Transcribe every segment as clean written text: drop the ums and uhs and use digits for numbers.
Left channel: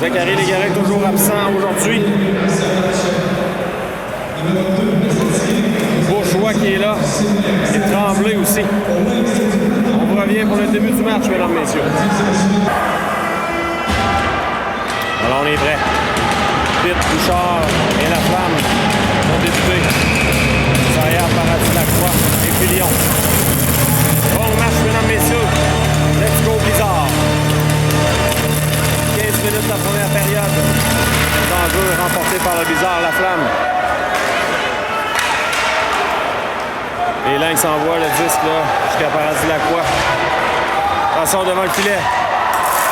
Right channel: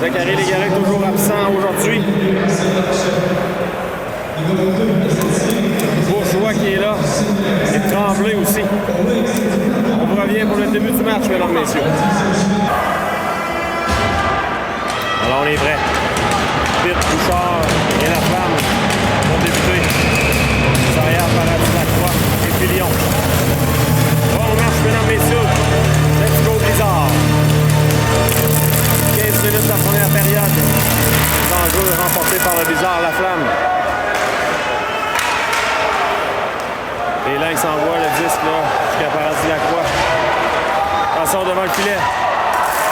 Zachary Légaré toujours absent aujourd'hui. Bourgeois qui est là. Et Tremblay aussi. On vous revient pour le début du match, mesdames, messieurs. Alors on est prêt. Pitt, Bouchard et La Flamme vont débuter. Derrière Paradis Lacroix et Filion. Bon match, mesdames, messieurs. Let's go, Blizzard. 15 minutes de la première période. L'enjeu remporté par le Blizzard, La Flamme. Les Lynx envoient le disque là jusqu'à Paradis Lacroix. Passons devant le filet.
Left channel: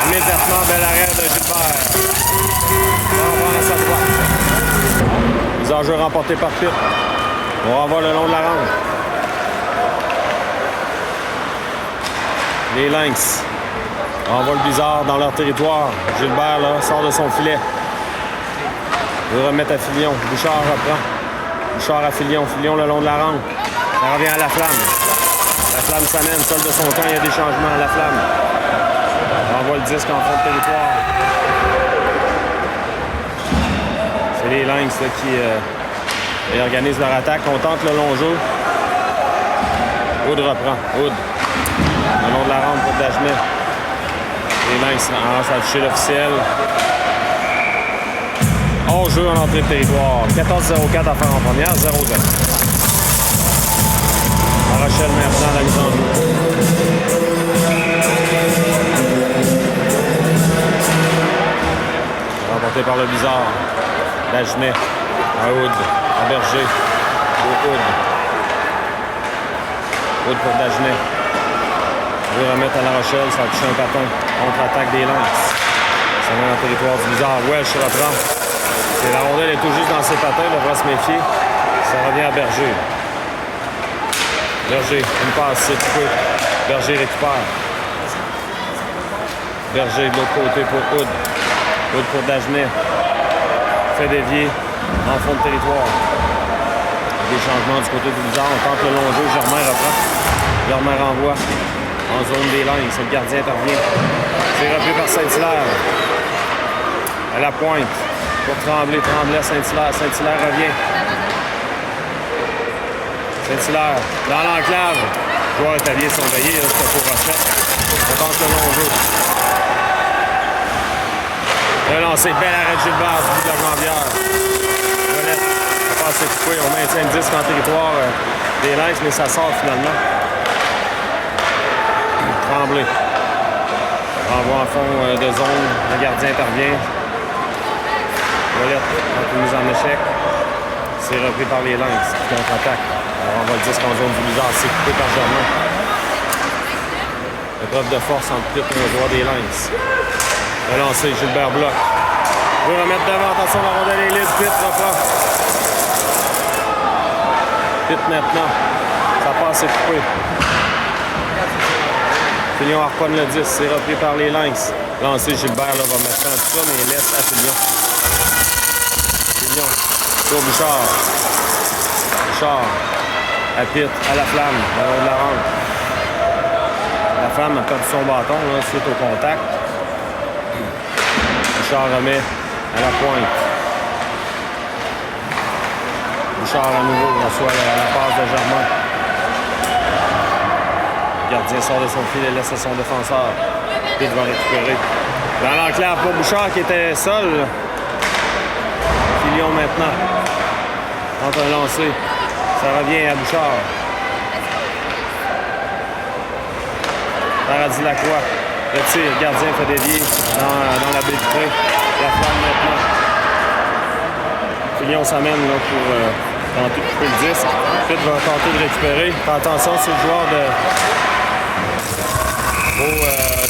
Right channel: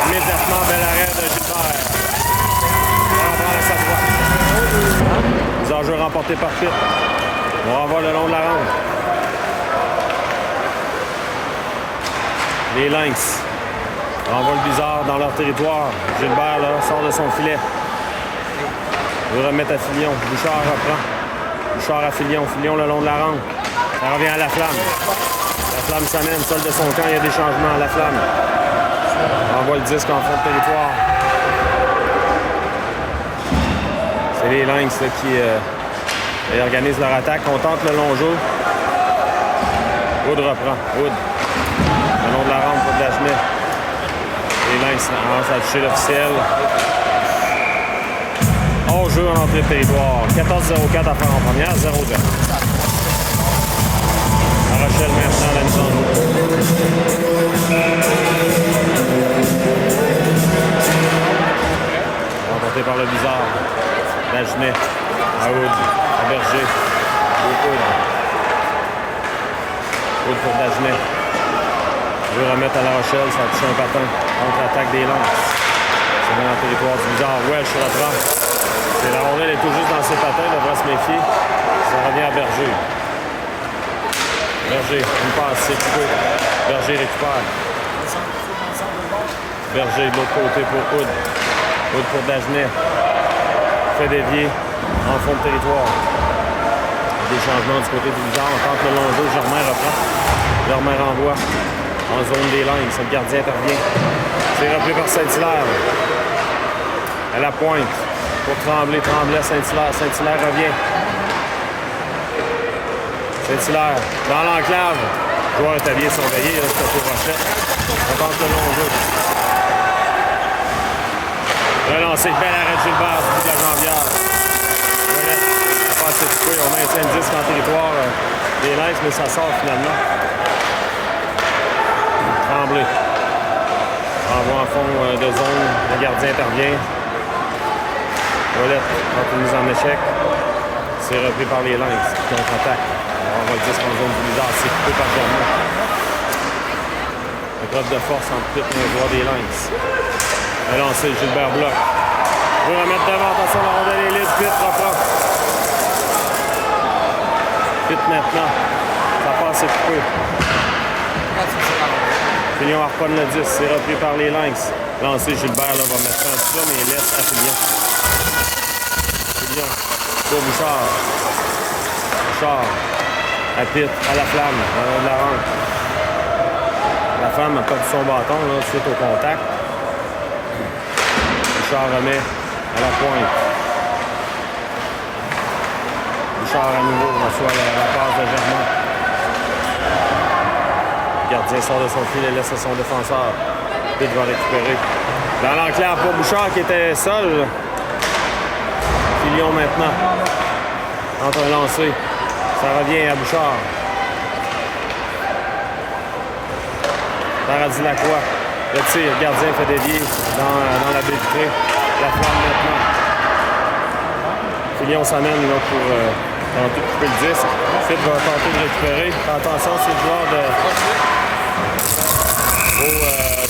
Immédiatement, bel arrêt de Gilbert. On va prendre à sa droite. Les enjeux remportés par Pitt. On renvoie le long de la rampe. Les Lynx envoient le Blizzard dans leur territoire. Gilbert là, sort de son filet. Il veut remettre à Filion. Bouchard reprend. Bouchard à Filion. Filion le long de la rampe. Ça revient à La Flamme. La Flamme s'amène, seul de son camp. Il y a des changements à La Flamme. On envoie le disque en fond de territoire. C'est les Lynx là, qui organisent leur attaque. On tente le long jeu. Wood reprend. Wood. Le long de la rampe pour Dagenet. Les Lynx avancent à toucher l'officiel. Hors jeu en entrée de territoire. 14-0-4 à faire en première. 0-0. La Rochelle maintenant à la mise en jeu. Remporté par le Blizzard. Dagenet. À Wood. À Berger. Wood. Wood pour Dagenet. Il veut remettre à La Rochelle, ça a touché un patin. Contre-attaque des Lynx. Ça met dans le territoire du Blizzard. Welsh reprend. La rondelle est tout juste dans ses patins, il devra se méfier. Ça revient à Berger. Berger, une passe, c'est coupé. Berger récupère. Berger de l'autre côté pour Wood. Wood pour Dagenet. Fait dévier en fond de territoire. Des changements du côté du Blizzard. On tente le long jeu. Germain reprend. Germain renvoie en zone des Lynx. Le gardien intervient. C'est repris par Saint-Hilaire. À la pointe. Pour Tremblay. Tremblay à Saint-Hilaire. Saint-Hilaire revient. Saint-Hilaire dans l'enclave. Joueur italien surveillé. C'était pour Rochette. On tente le long jeu. Relancé. Bel arrêt de Gilbert du bout de la jambière. La passe est coupée. On maintient le disque en territoire des Lynx, mais ça sort finalement. Tremblay. Renvoie en fond de zone. Le gardien intervient. Ouellette entre une mise en échec. C'est repris par les Lynx qui contre-attaque. Alors on va le disque en zone du Blizzard. C'est coupé par Germain. Épreuve de force entre Pitt et le droit des Lynx. Relancé, Gilbert bloc. Je veux remettre devant. Attention, la rondelle est libre. Pitt reprend. Pitt maintenant. Ça passe, c'est coupé. Filion harponne le 10. C'est repris par les Lynx. Lancé, Gilbert là, va mettre ça en tout ça, mais il laisse à Filion. Filion. Pour Bouchard. Bouchard. À Pitt. À La Flamme. Dans le long de la rampe. La Flamme a perdu son bâton là, suite au contact. Bouchard remet à la pointe. Bouchard à nouveau reçoit la passe de Germain. Le gardien sort de son filet et laisse à son défenseur. Pitt va récupérer. Dans l'enclave pour Bouchard qui était seul. Filion maintenant. Entre un lancé. Ça revient à Bouchard. Paradis Lacroix. Le tir. Le gardien fait dévier dans la baie vitrée. La Flamme maintenant. Filion s'amène là, pour tenter de couper le disque. Pitt va tenter de récupérer. Fais attention, c'est le joueur de...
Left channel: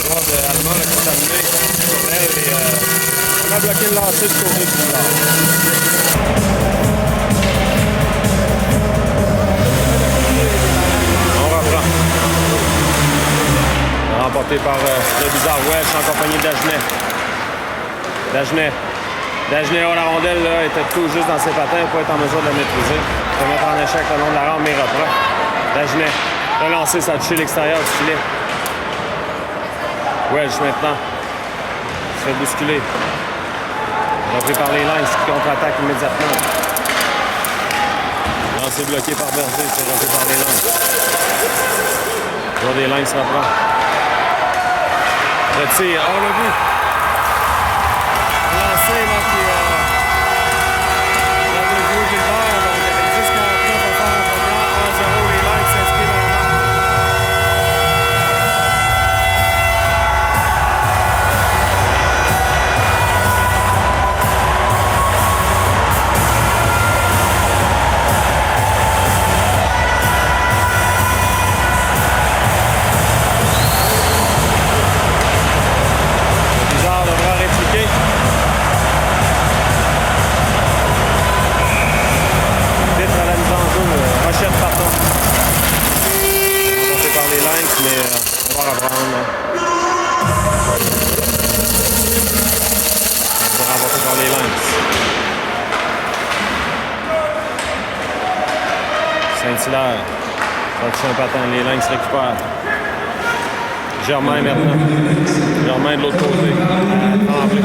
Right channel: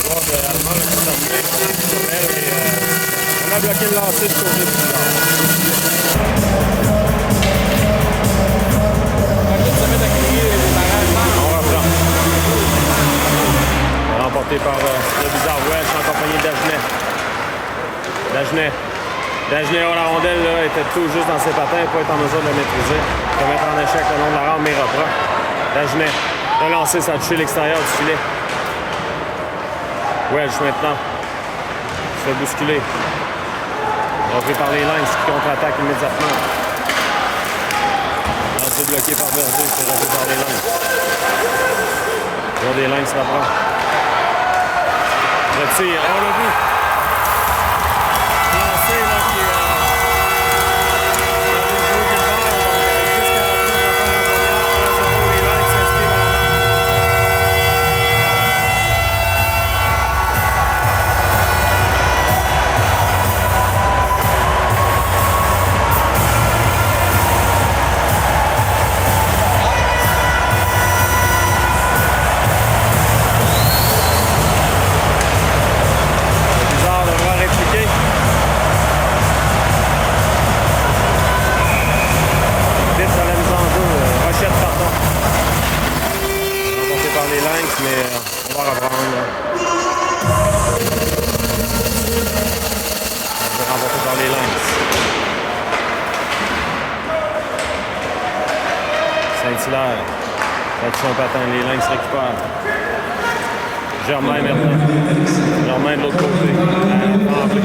joueur de allemand qui s'est amené sur elle. Et, on a bloqué le lancer du côté du Blizzard. On reprend. Remporté par le Blizzard Welsh en compagnie de Dagenet. Dagenet, la rondelle là, était tout juste dans ses patins pour être en mesure de la maîtriser. Il peut mettre en échec le long de la rampe, mais il reprend. Dagenet, relancé, ça a touché l'extérieur du filet. Welsh maintenant. Il se fait bousculer. Repris par les Lynx qui contre-attaquent immédiatement. Lancé bloqué par Berger, c'est repris par les Lynx. Le joueur des Lynx reprend. Le tir, on l'a vu. Lancé, là, qui avait joué Gilbert, donc jusqu'à la fin, on va faire un première 1-0, les Lynx s'inscrivent à la marque. Bizarre devra répliquer. Titre à la mise en jeu. Rochette, pardon. Remporté par les Lynx, mais on va reprendre. On va remporter par les Lynx. Saint-Hilaire. Ça touche un patin. Les Lynx récupèrent. Germain maintenant. Germain de l'autre côté. Tremblay.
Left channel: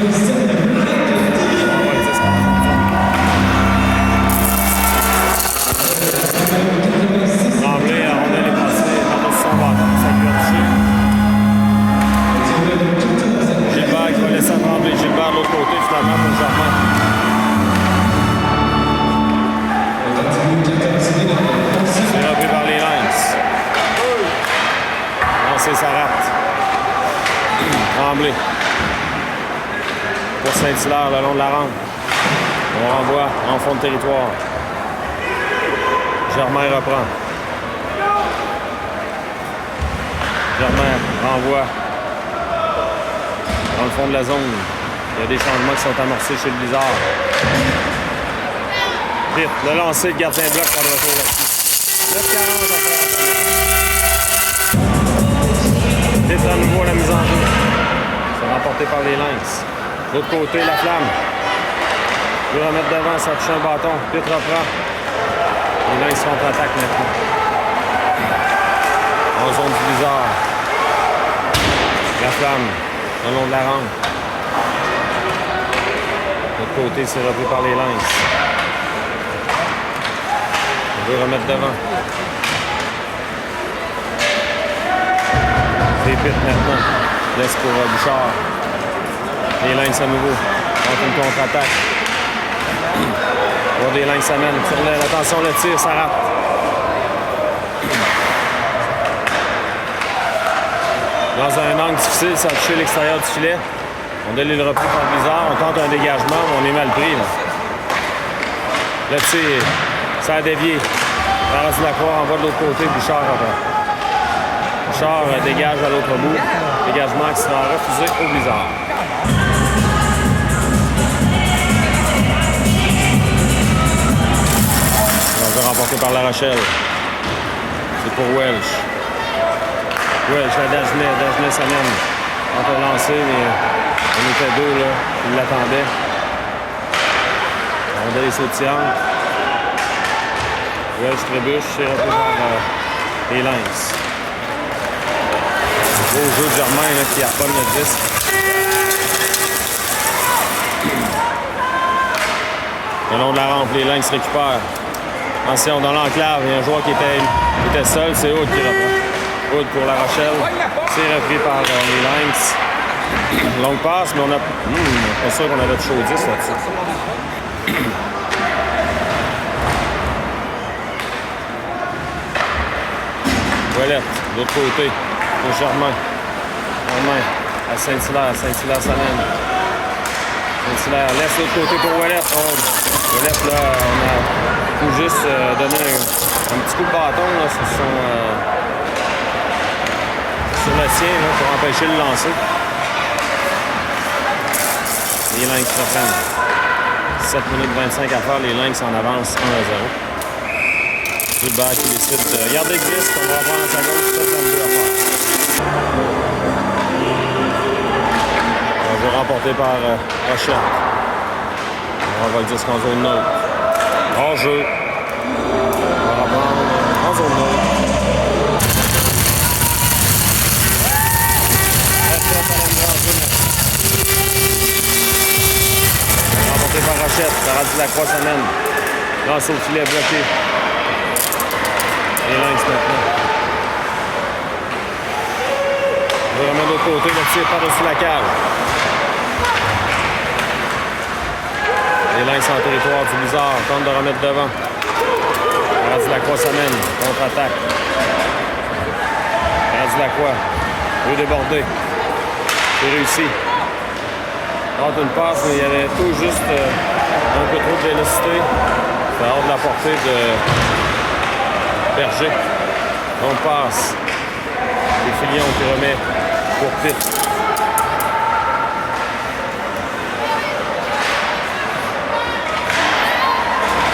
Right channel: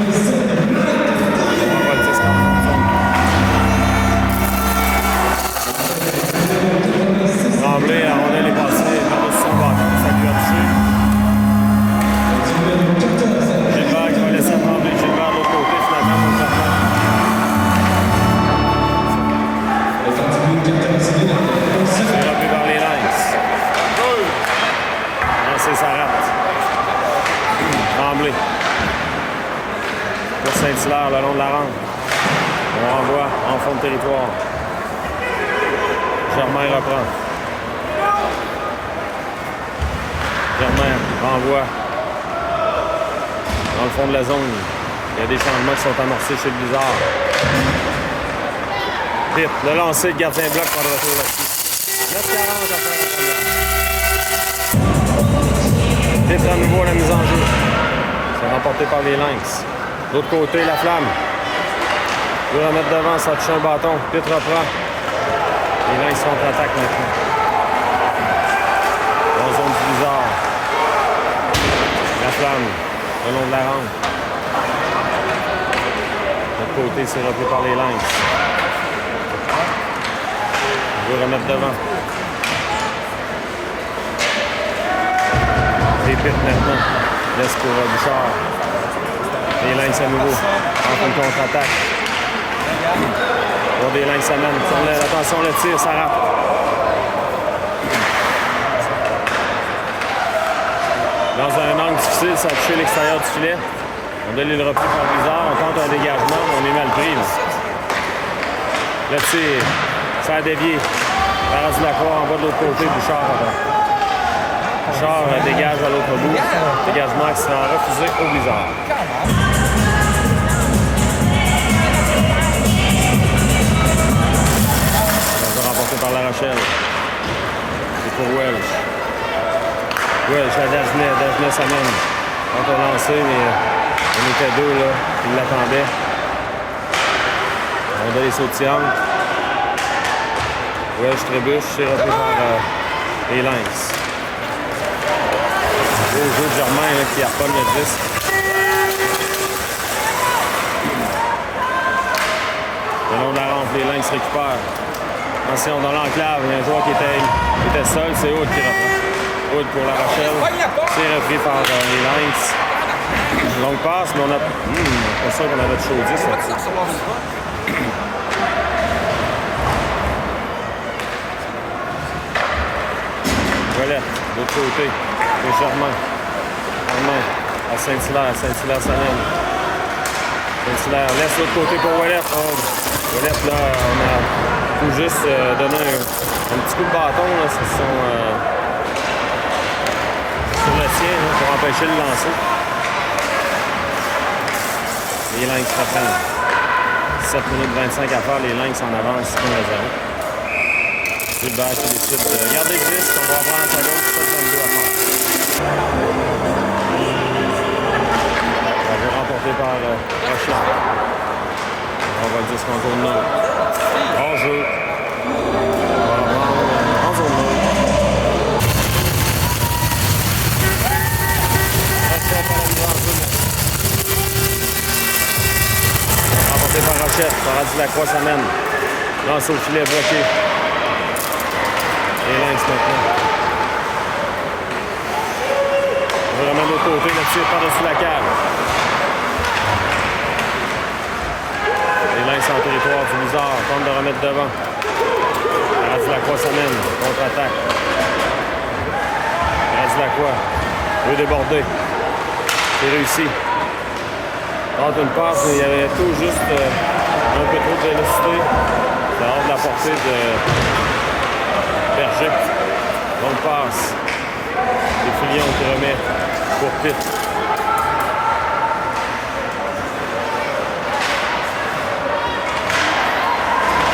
On va le disque en fond de zone. Tremblay, la rondelle est passée par-dessus son bâton. Ça lui a touché. Gilbert qui va laisser à Tremblay. Gilbert de l'autre côté, finalement, pour Germain. C'est repris par les Lynx. Lancé, ça rate. Tremblay. Pour Saint-Hilaire, le long de la rampe. On renvoie en fond de territoire. Germain reprend. Germain renvoie dans le fond de la zone. Il y a des changements qui sont amorcés chez le Blizzard. Vite, le lancer, le gardien bloc pas de retour là-dessus. 9:40 à faire en première. Vite à nouveau la mise en jeu. C'est remporté par les Lynx. De l'autre côté, la flamme. Il veut remettre devant, ça touche un bâton. Vite reprend. Les Lynx contre-attaquent maintenant. En zone du Blizzard. La flamme, le long de la rampe. De l'autre côté, c'est repris par les Lynx. On veut remettre devant. Répète maintenant. Laisse pour Bouchard. Les Lynx à nouveau. Entre une contre-attaque. On voit des Lynx s'amènent. Attention, le tir, ça rate. Dans un angle difficile, ça a touché l'extérieur du filet. On donne le repris par Blizzard. On tente un dégagement, mais on est mal pris. Là. Le tir, ça a dévié. Laurence Lacroix envoie de l'autre côté. Bouchard reprend. Bouchard dégage à l'autre bout. Dégagement qui sera refusé au Blizzard. Remporté par La Rochelle. C'est pour Welch. Welch à Dagenet. Dagenet s'amène. On a lancé, mais on était deux là. Ils l'attendaient. On a les sauts de triangle. Welch trébuche. C'est repris par les Lynx. Beau jeu de Germain là, qui harponne le disque. Le long de la rampe, les Lynx récupèrent. Attention, dans l'enclave, il y a un joueur qui était seul, c'est Aude qui reprend. Aude pour La Rochelle. C'est repris par les Lynx. Longue passe, mais on a. Pas sûr qu'on avait de chaud 10 là-dessus. Ouellette, de l'autre côté, pour Germain. Germain à Saint-Hilaire. Saint-Hilaire s'amène. Saint-Hilaire laisse l'autre côté pour Ouellette. Oh, Ouellette, là, on a tout juste donné un petit coup de bâton là, sur le sien là, pour empêcher le lancer. Les Lynx reprennent. 7 minutes 25 à faire, les Lynx en avance 1-0. Gilbert qui décide de garder le disque, on va reprendre à sa gauche, 7-22 à faire. On va remporter par Rochette. On va le disque en zone neutre. Hors jeu. On va reprendre en zone neutre. Rochette à la mise en jeu. gauchette. Sarah Lacroix s'amène. Lance au filet bloqué. Les Lynx maintenant. On va remettre de l'autre côté. Le tir par-dessus la cave. Les Lynx en territoire du Blizzard. Tente de remettre devant. Sarah Lacroix s'amène. Contre-attaque. Sarah Lacroix veut déborder. C'est réussi. Tente une passe, mais il y avait tout juste un peu trop de vélocité. C'est hors de la portée de Berger. Bonne passe. C'est Fillon qui remet pour Pitt.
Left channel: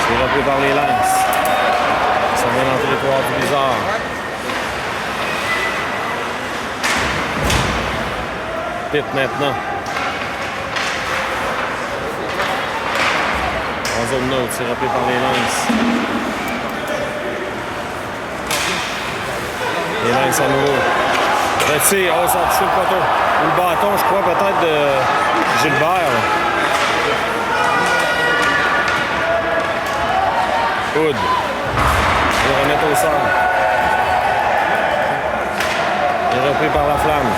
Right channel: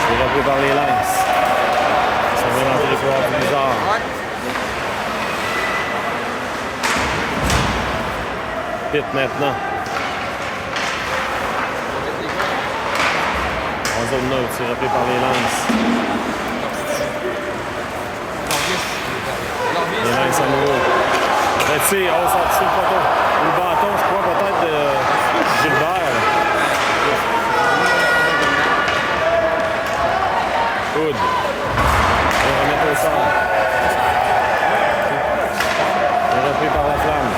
C'est repris par les Lynx. Ça vient dans le territoire du Blizzard. Pitt maintenant. En zone neutre, c'est repris par les Lynx. Les Lynx à nouveau. Le tir, on s'en touche le poteau. Ou le bâton, je crois, peut-être de Gilbert. Hood. Et remettre au sol. Et repris par la flamme.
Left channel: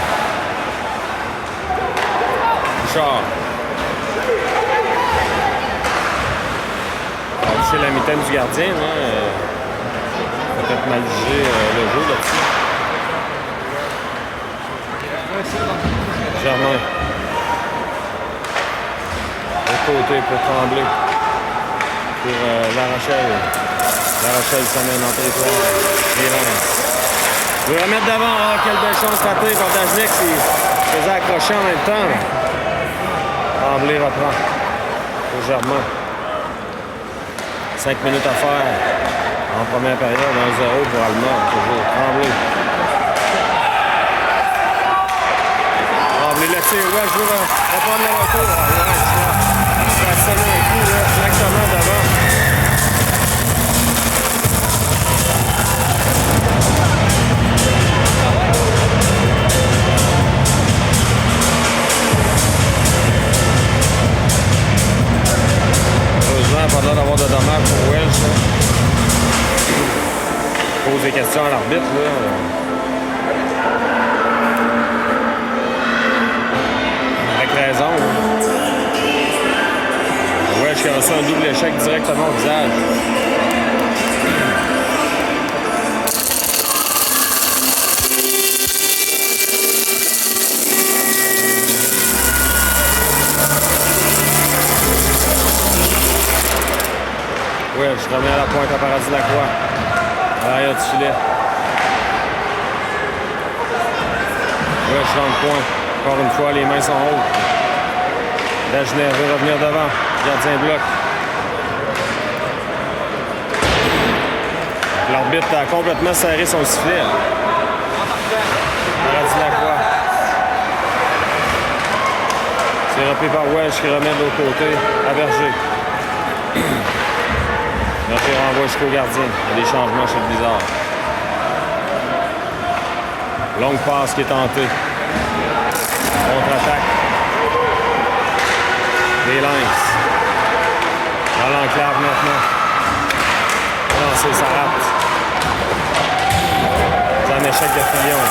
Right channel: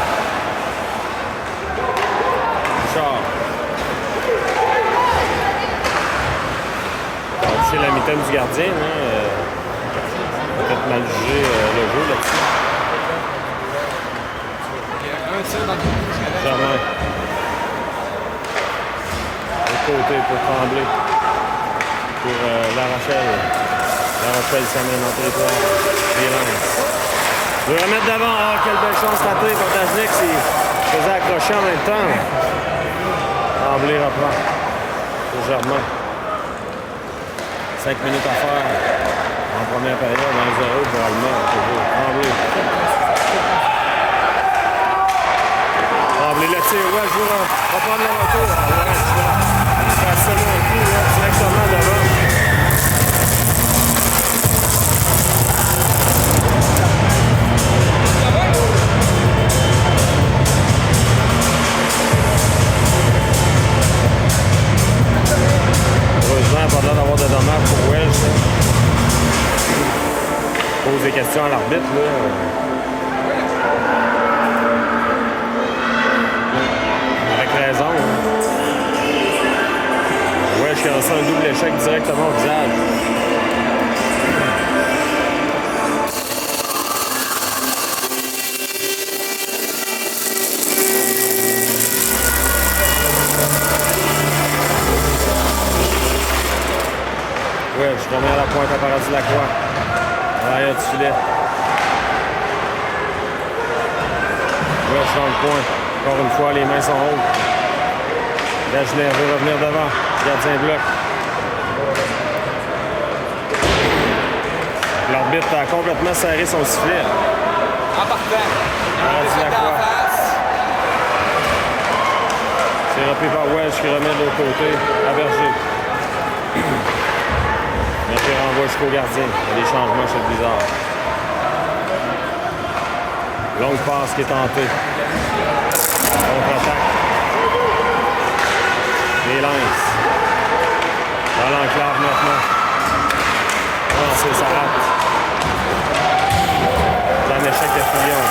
Bouchard. C'est la mitaine du gardien, hein? Peut-être mal jugé le jeu là-dessus. Germain. De côté pour Tremblay. Pour La Rochelle. La Rochelle s'amène en territoire. Les Lynx. Je veux remettre d'avant. Oh, quelle belle chance ratée par Dagenet qui faisait accrocher en même temps. Tremblay reprend. Pour Germain. 5 minutes à faire en première période, 1-0 pour Allemand, toujours. Tremblay. Tremblay, le tir, ouais, je veux reprendre le retour. Ouais, je vais sonner un coup, là, directement devant. Pas l'air d'avoir de dommages pour Welsh. Pose des questions à l'arbitre. Avec raison. Welsh qui a reçu un double échec directement au visage. Ouais, je remets à la pointe à Paradis Lacroix. À l'arrière du filet. Ouais, je suis dans le coin. Encore une fois, les mains sont hautes. Dagenet veut revenir devant. Gardien bloc. L'arbitre a complètement serré son sifflet. Paradis Lacroix. C'est repris par Welsh qui remet de l'autre côté à Berger. Notre renvoi jusqu'au gardien. Il y a des changements chez le Blizzard. Longue passe qui est tentée. Contre-attaque. Les Lynx. Dans l'enclave maintenant. Lancer, ça rate. C'est un échec de Fillon.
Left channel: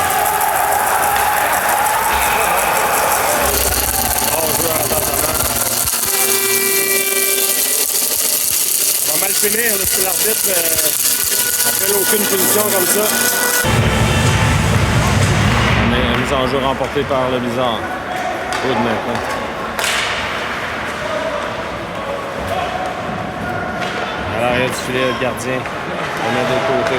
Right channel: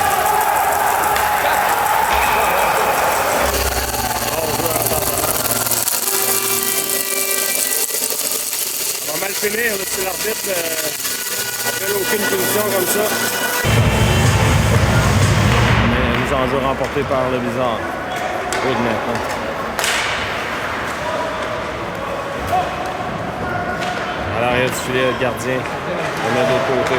Mal finir, là, si l'arbitre appelle aucune punition comme ça. Mais mise en jeu remportée par le Blizzard. Hood maintenant. À l'arrière du filet, le gardien remet de l'autre côté.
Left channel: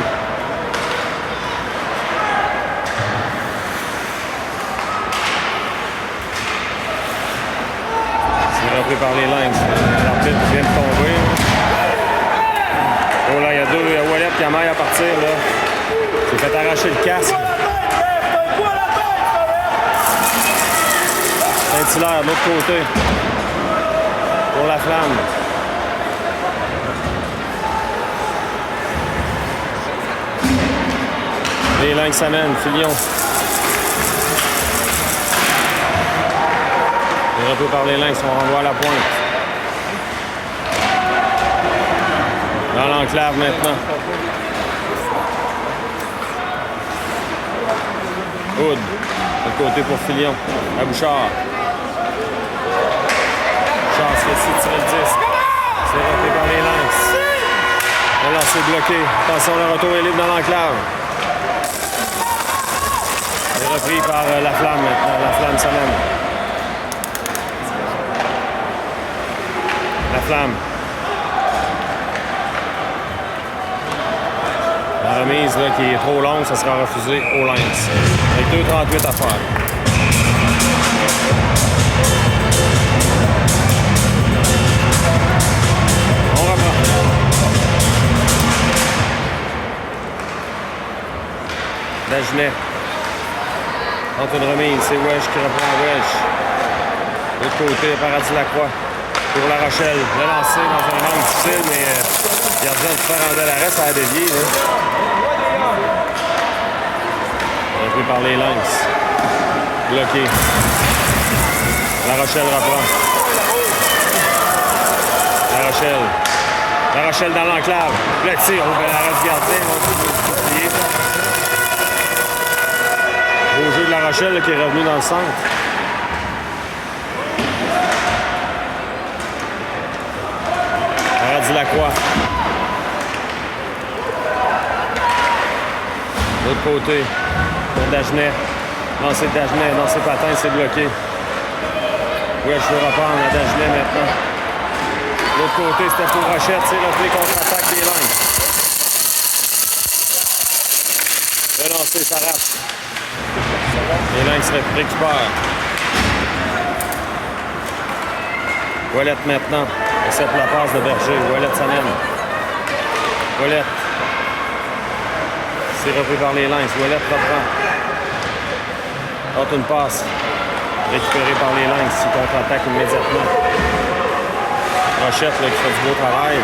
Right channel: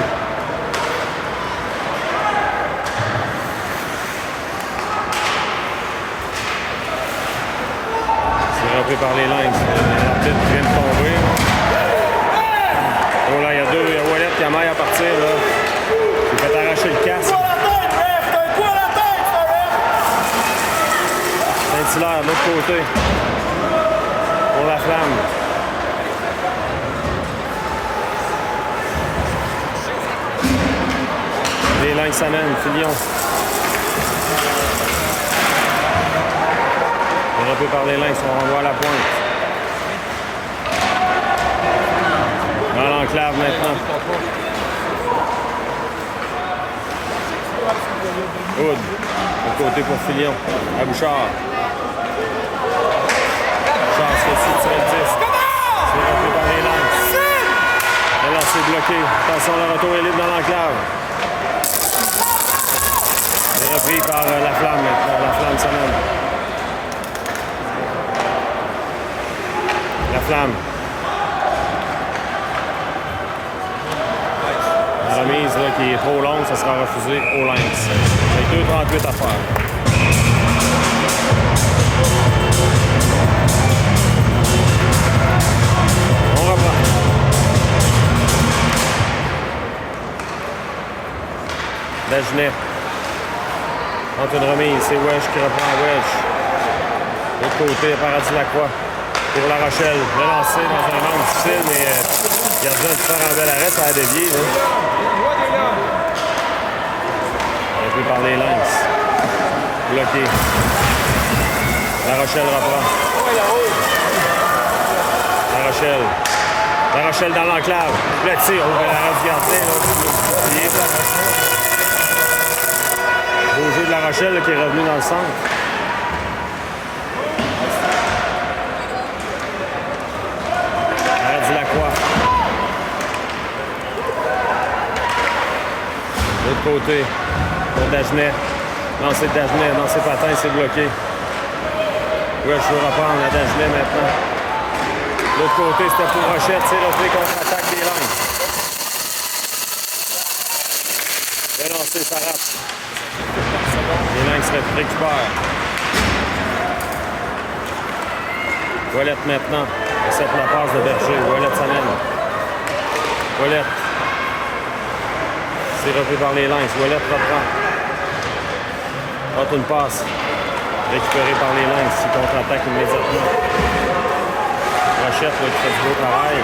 C'est repris par les Lynx. L'arbitre vient de tomber. Oh là, il y a Ouellet qui a maille à partir, là. Il fait arracher le casque. Saint-Hilaire, de l'autre côté. Pour la flamme. Les Lynx s'amènent, Fillon. Repris par les Lynx, on renvoie à la pointe. Dans l'enclave maintenant. Hood. De côté pour Filion. À Bouchard. Bouchard se fait sur le disque. C'est repris par les Lynx. Le lancer bloqué. Attention, le retour est libre dans l'enclave. C'est repris par la Flamme maintenant. La Flamme s'amène. La Flamme. La remise là, qui est trop longue, ça sera refusé au Lynx. Avec 2,38 à faire. On reprend. Dagenet. Entre une remise, c'est Wesh qui reprend Wesh. De l'autre côté, Paradis Lacroix. Pour La Rochelle. Le lancer dans un angle difficile, mais il a besoin de faire un bel arrêt, ça a dévié. Repris par les Lynx. Bloqué. La Rochelle reprend. La Rochelle. La Rochelle dans l'enclave. Le tir, on fait l'arrêt du gardien. Beau jeu de La Rochelle là, qui est revenu dans le centre. Paradis Lacroix. De l'autre côté, pour Dagenet. Lancer de Dagenet dans ses patins, c'est bloqué. Ouais, je veux reprendre la Dagenet maintenant. De l'autre côté, c'était pour Rochette, c'est repris contre-attaque des Lynx. Le lancer, ça rate. Les Lynx récupèrent. Ouellette maintenant. Accepte la passe de Berger. Ouellette s'amène. Ouellette. C'est repris par les Lynx. Ouellette reprend. Autre une passe. Récupérée par les Lynx. Qui contre-attaque immédiatement. Rochette là, qui fait du beau travail.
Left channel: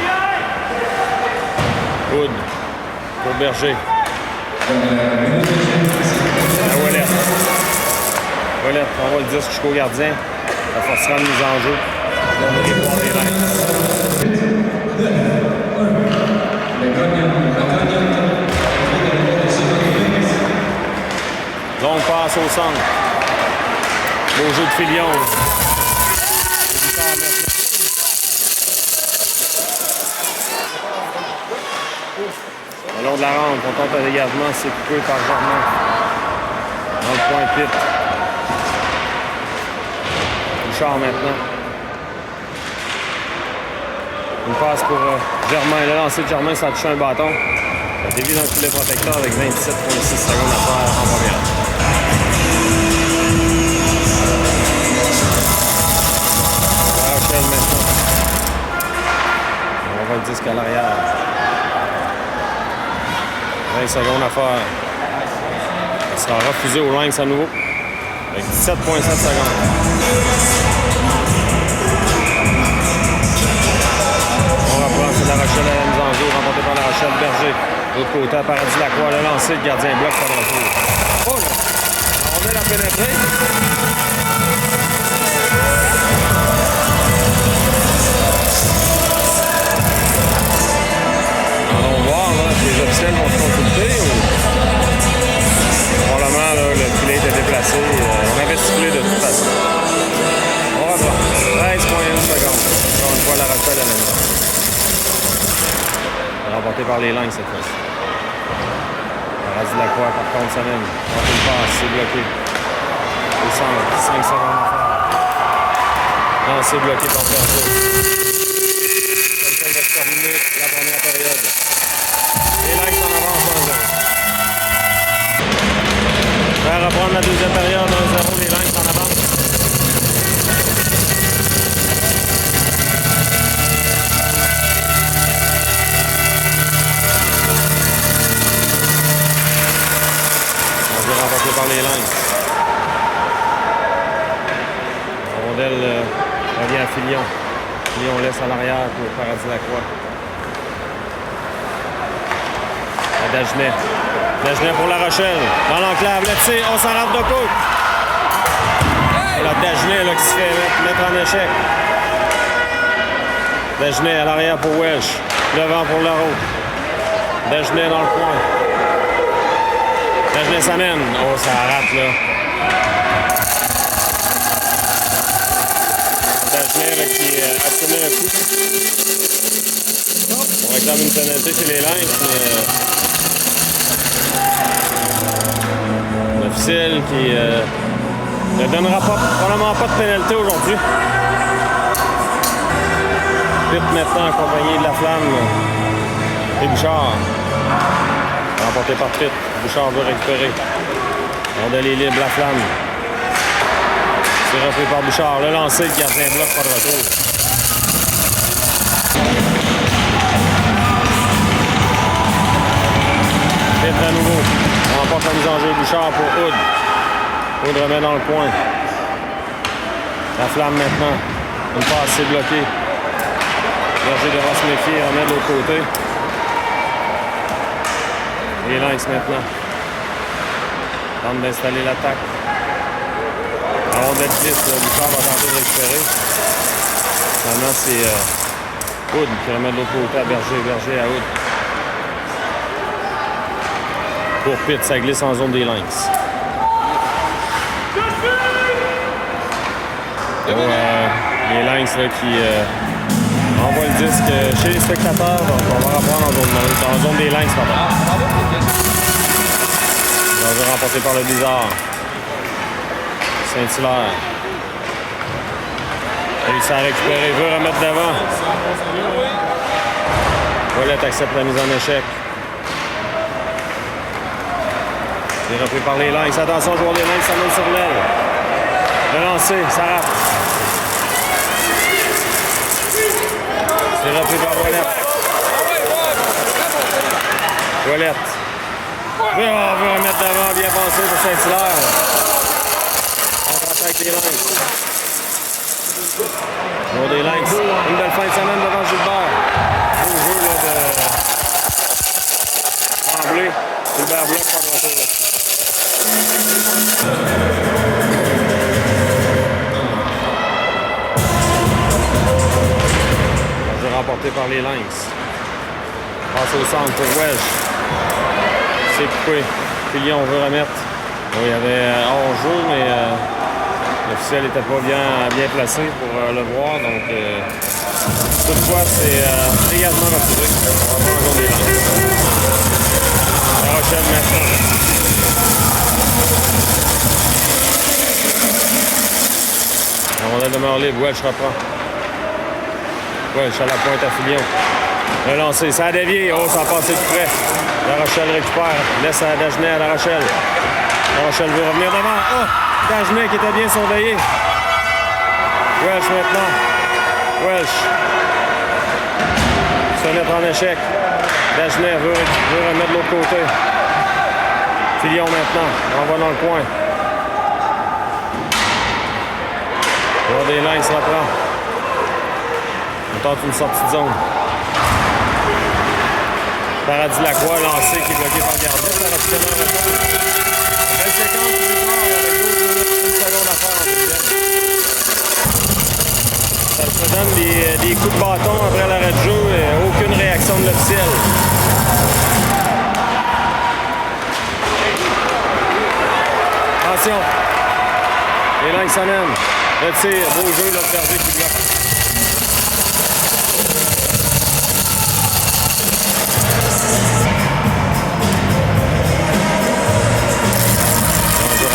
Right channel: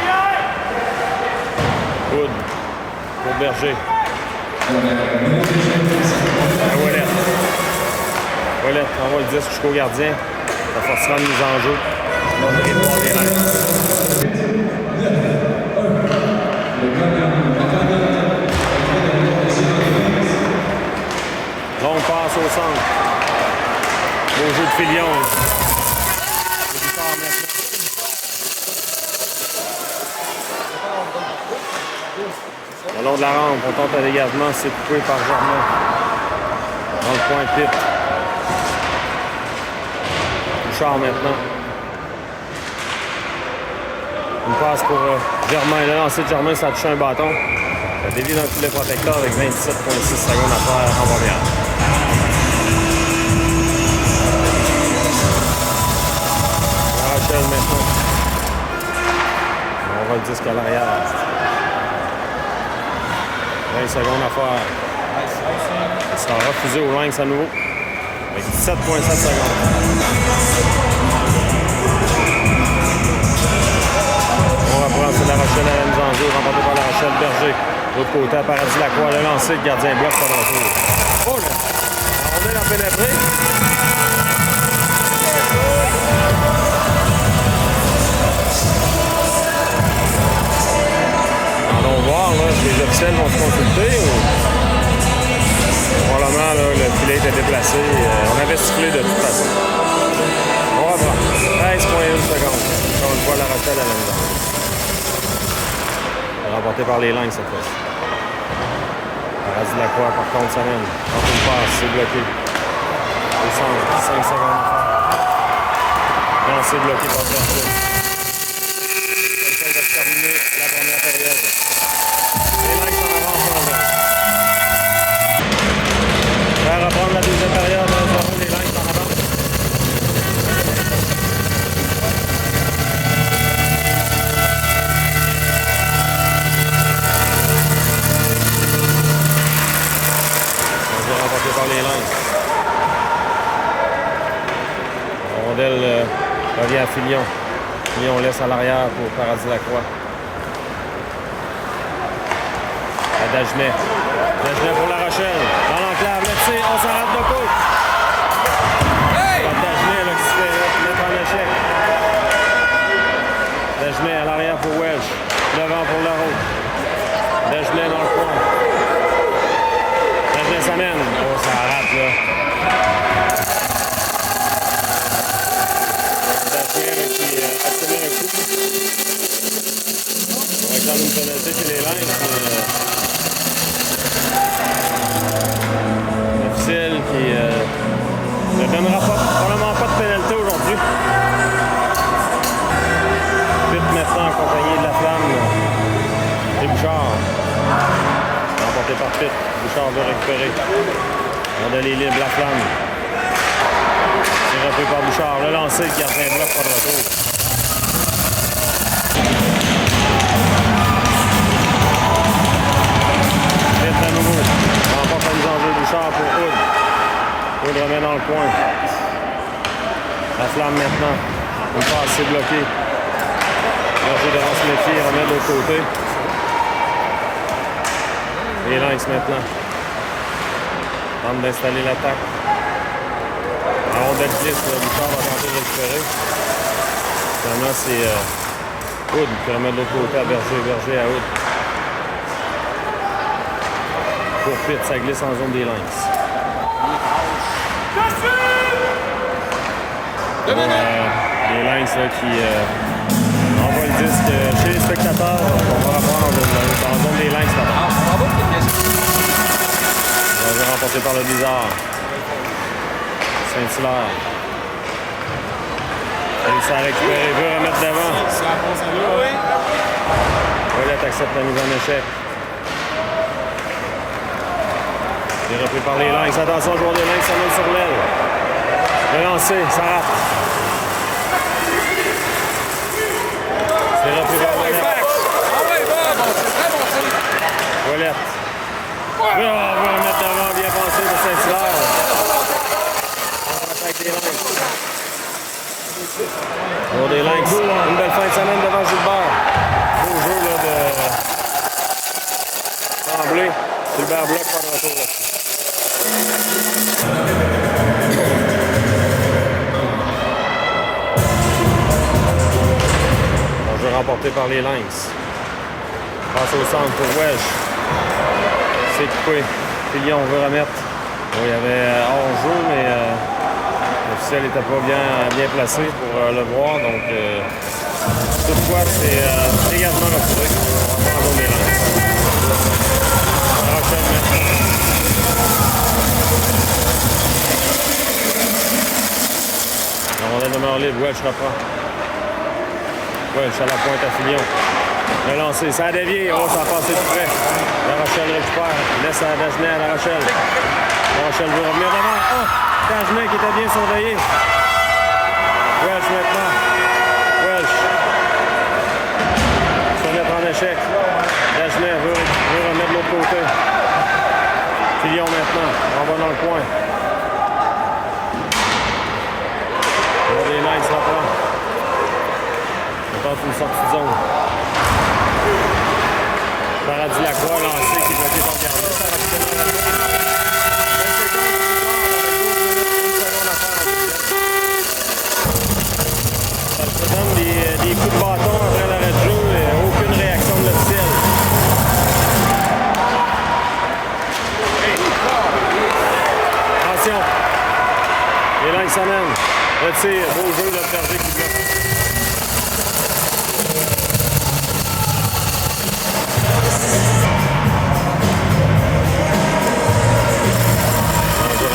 Wood pour Berger. La Ouellette. Ouellette envoie le disque jusqu'au gardien. Ça forcera une mise en jeu. On va voir les Lynx. Longue passe au centre. Beau jeu de Filion. Le long de la rampe, on tente un dégagement, c'est coupé par Germain. Dans le point pit. Bouchard maintenant. Une passe pour Germain. Le lancer de Germain, ça a touché un bâton. Ça dévie dans le filet protecteur avec 27,6 secondes à faire en première. La Rochelle maintenant. On va le disque à l'arrière. 20 secondes à faire. Ça sera refusé au Lynx à nouveau. Avec 17,7 secondes. On reprend, c'est La Rochelle à la mise en jeu, remporté par La Rochelle Berger. De l'autre côté, à Paradis Lacroix, le lancer, le gardien bloque par le retour. Oh là! La rondelle a pénétré. Allons voir là, si les officiels vont se consulter ou. Probablement, là, le filet était déplacé. On avait sifflé de toute façon. On reprend. 13,1 secondes. Encore une fois, La Rochelle à la mise en jeu. Remporté par les Lynx cette fois-ci. Paradis Lacroix, par contre, s'amène. Tente une passe, c'est bloqué. Au centre, 5 secondes à faire. Non, c'est bloqué par Berger. Ça va se terminer la première période. Les Lynx en avance 1-0. Faire reprendre la deuxième période, 1-0, les Lynx en avance. Remporté par les Lynx. La rondelle revient à Filion. Filion laisse à l'arrière pour Paradis Lacroix. À Dagenet. Dagenet pour La Rochelle. Dans l'enclave, le tir, on s'en rentre de côte. La Dagenet là, qui se fait mettre en échec. Dagenet à l'arrière pour Wesh. Devant pour Leroux. Dagenet dans le coin. Dagenet s'amène. Oh, ça rate là. Dagenet qui obtient un coup. On va faire une pénalité chez les Lynx, mais l'officiel qui ne donnera probablement pas de pénalité aujourd'hui. Pitt maintenant accompagné de la flamme et Bouchard. Remporté par Pitt. Bouchard veut récupérer. Rondelle est libre, la flamme. C'est repris par Bouchard. Le lancer, le gardien bloque, pas de retour. Pitt à nouveau. Remporte la mise en jeu. Bouchard pour Hood. Hood remet dans le coin. La flamme maintenant. Une passe, c'est bloqué. Berger devant se méfier, remet de l'autre côté. Les Lynx maintenant. Tente d'installer l'attaque. La rondelle glisse, Bouchard va tenter de récupérer. Finalement, c'est Hood qui remet de l'autre côté à Berger. Berger à Hood. Pour Pitt, ça glisse en zone des Lynx. Les Lynx là, qui envoient le disque chez les spectateurs. Donc on va reprendre en zone des Lynx. Danger remporté par le Blizzard. Saint-Hilaire. Il s'est récupéré, veut remettre devant. Ouellette accepte la mise en échec. C'est repris par les Lynx. Attention, le joueur des Lynx s'amène sur l'aile. Le lancer, ça rate. C'est repris par Ouellette. Ouellette. On veut remettre devant, bien passé pour Saint-Hilaire. Contre-attaque des Lynx. Joueur des Lynx. Une belle fin de semaine devant Gilbert. Beau jeu là, de Tremblay. Gilbert bloque, pas de retour là-dessus. Jeu remporté par les Lynx. Passe au centre pour Welsh. C'est coupé. Filion veut remettre. Bon, il y avait hors-jeu, mais l'officiel n'était pas bien placé pour le voir. Donc, toutefois, c'est également refusé. On va voir en zone des Lynx. Enchaîne maintenant. La rondelle demeure libre. Welsh reprend. Welsh à la pointe à Filion. Le lancer, ça a dévié. Oh, ça a passé tout près. La Rochelle récupère. Laisse à Dagenet à La Rochelle. La Rochelle veut revenir devant. Oh! Dagenet qui était bien surveillé. Welsh maintenant. Welsh. Sonnette en échec. Dagenet veut remettre de l'autre côté. Filion maintenant. On va dans le coin. Le des Lynx reprend. On tente une sortie de zone. Paradis Lacroix lancé qui est bloqué par Gardien. Ça reste tellement rapide. 20 secondes plus tard, avec 12 minutes, une seconde à faire. Ça se donne des coups de bâton après l'arrêt de jeu. Aucune réaction de l'officiel. Attention. Les Lynx s'amènent. Retire. Beau jeu, le Berger qui bloque.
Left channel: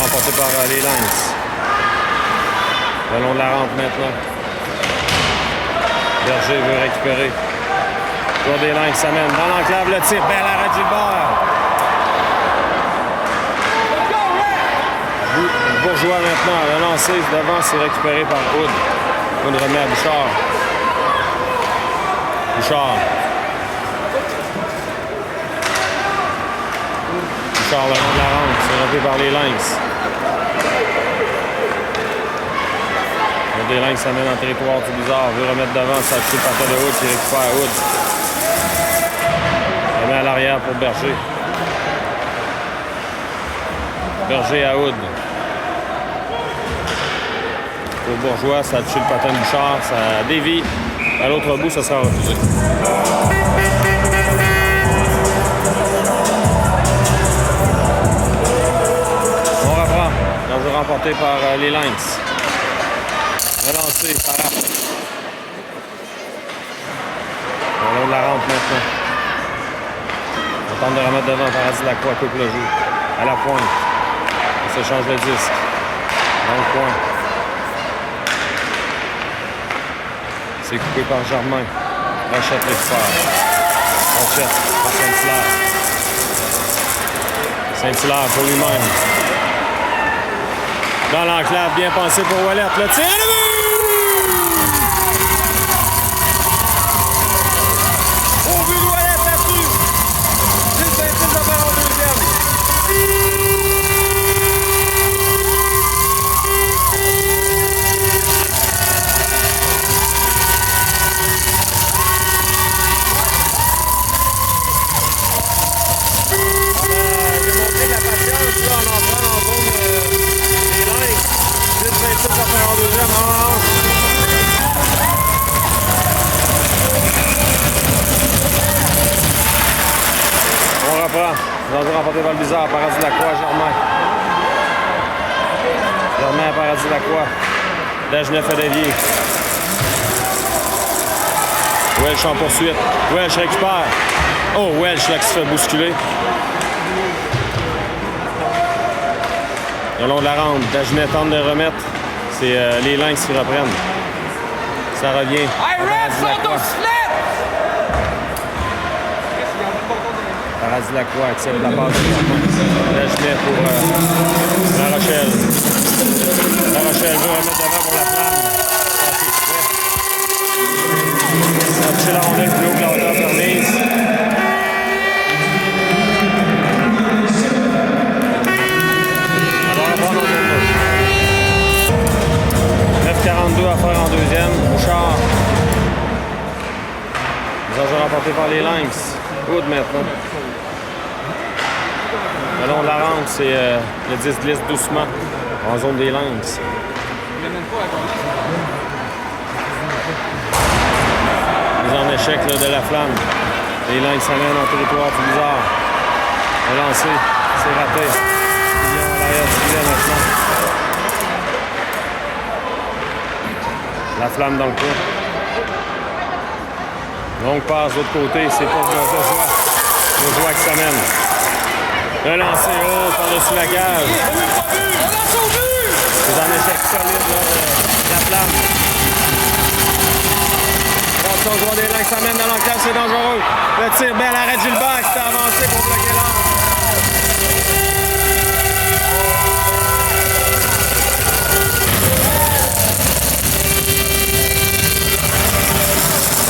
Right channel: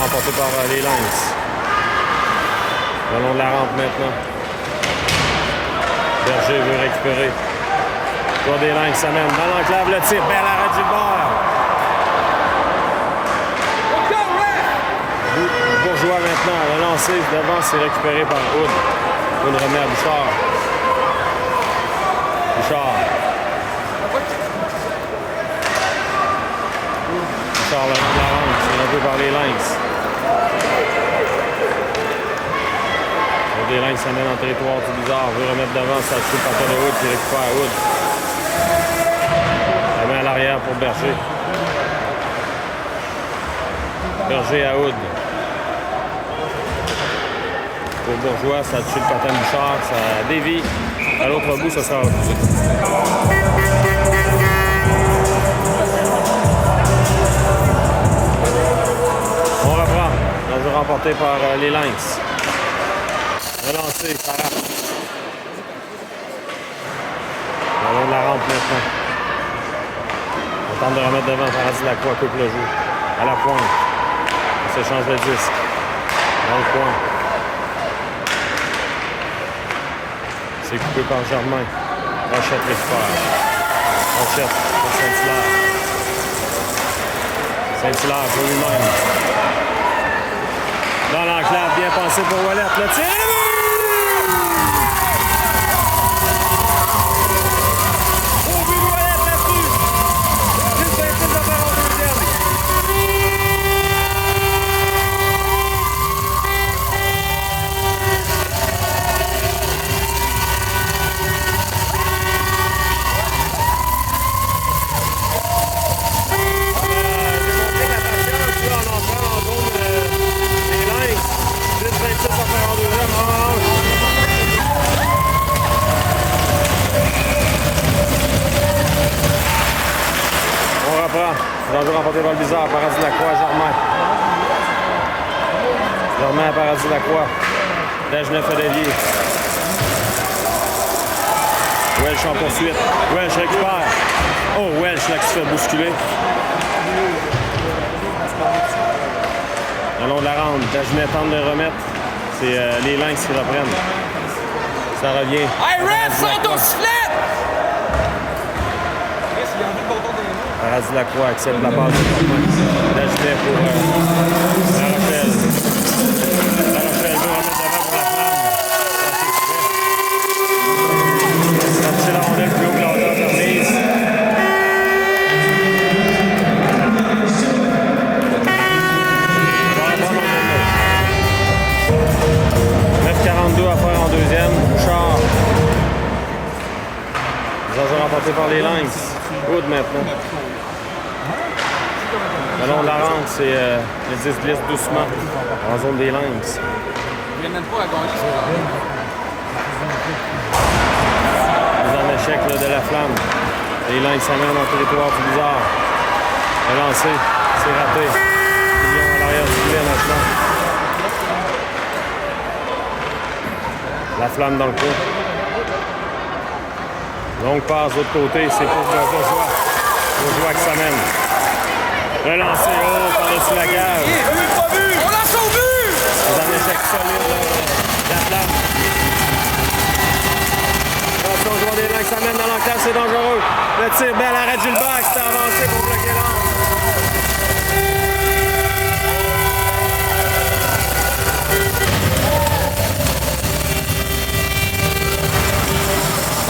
Remporté par les Lynx. Le long de la rampe maintenant. Berger veut récupérer. Joueur des Lynx s'amène dans l'enclave, le tir. Bel arrêt de Gilbert. Bourgeois maintenant. Le lancer devant, c'est récupéré par Hood. Hood remet à Bouchard. Bouchard. Bouchard le long de la rampe. C'est repris par les Lynx. Les Lynx s'amènent dans le territoire du Blizzard. Veut remettre devant, ça tue le patin de Hood qui récupère Hood. Elle met à l'arrière pour Berger. Berger à Hood. Pour Bourgeois, ça tue le patin de Bouchard. Ça dévie. À l'autre bout, ça sera refusé. remporté par les Lynx. Relancé, ça rate. Le long de la rampe maintenant. On tente de remettre devant. Paradis Lacroix coupe le jeu. À la pointe. On s'échange le disque. Dans le coin. C'est coupé par Germain. Rochette l'expert. Rochette pour Saint-Hilaire. Saint-Hilaire pour lui-même. Dans l'enclave, bien pensé pour Ouellet. Le tir, le but! Au but de Ouellet là-dessus. Gilles Saint-Hilaire va faire en deuxième. En entrant en zone des Lynx. Gilles Saint-Hilaire va faire en deuxième. On reprend. Danger remporté par le bizarre. Paradis Lacroix, Germain. Germain à Paradis Lacroix. Dagenet Fédévier. Welch en poursuite. Welch récupère. Oh, Welch là qui se fait bousculer. Le long de la rampe, Dagenet tente de remettre. C'est les Lynx qui reprennent. Ça revient à Paradis Lacroix. Paradis Lacroix accepte la passe de Germain. Dagenet pour La Rochelle. La Rochelle veut remettre devant pour la flamme. Passé exprès. Ça poussé la rondelle plus haut que la hauteur de remise. 9,42 à faire en deuxième. Bouchard. Les enjeux remportés par les Lynx. Hood maintenant. Le long de la rampe, c'est le 10 glisse doucement en zone des Lynx. Mise en échec là, de la flamme. Les Lynx s'amènent en territoire plus bizarre. Relancé, c'est raté. Ils ont à l'arrière du filet maintenant. La flamme dans le coin. Longue passe de l'autre côté, c'est pour Bourgeois. Bourgeois qui s'amène. Relancé, oh, par-dessus la cage. C'est un échec solide, là, la flamme. Attention, le joueur des Lynx s'amène dans l'enclave, c'est dangereux. Le tir, belle arrêt Gilbert qui s'est avancé pour bloquer l'angle.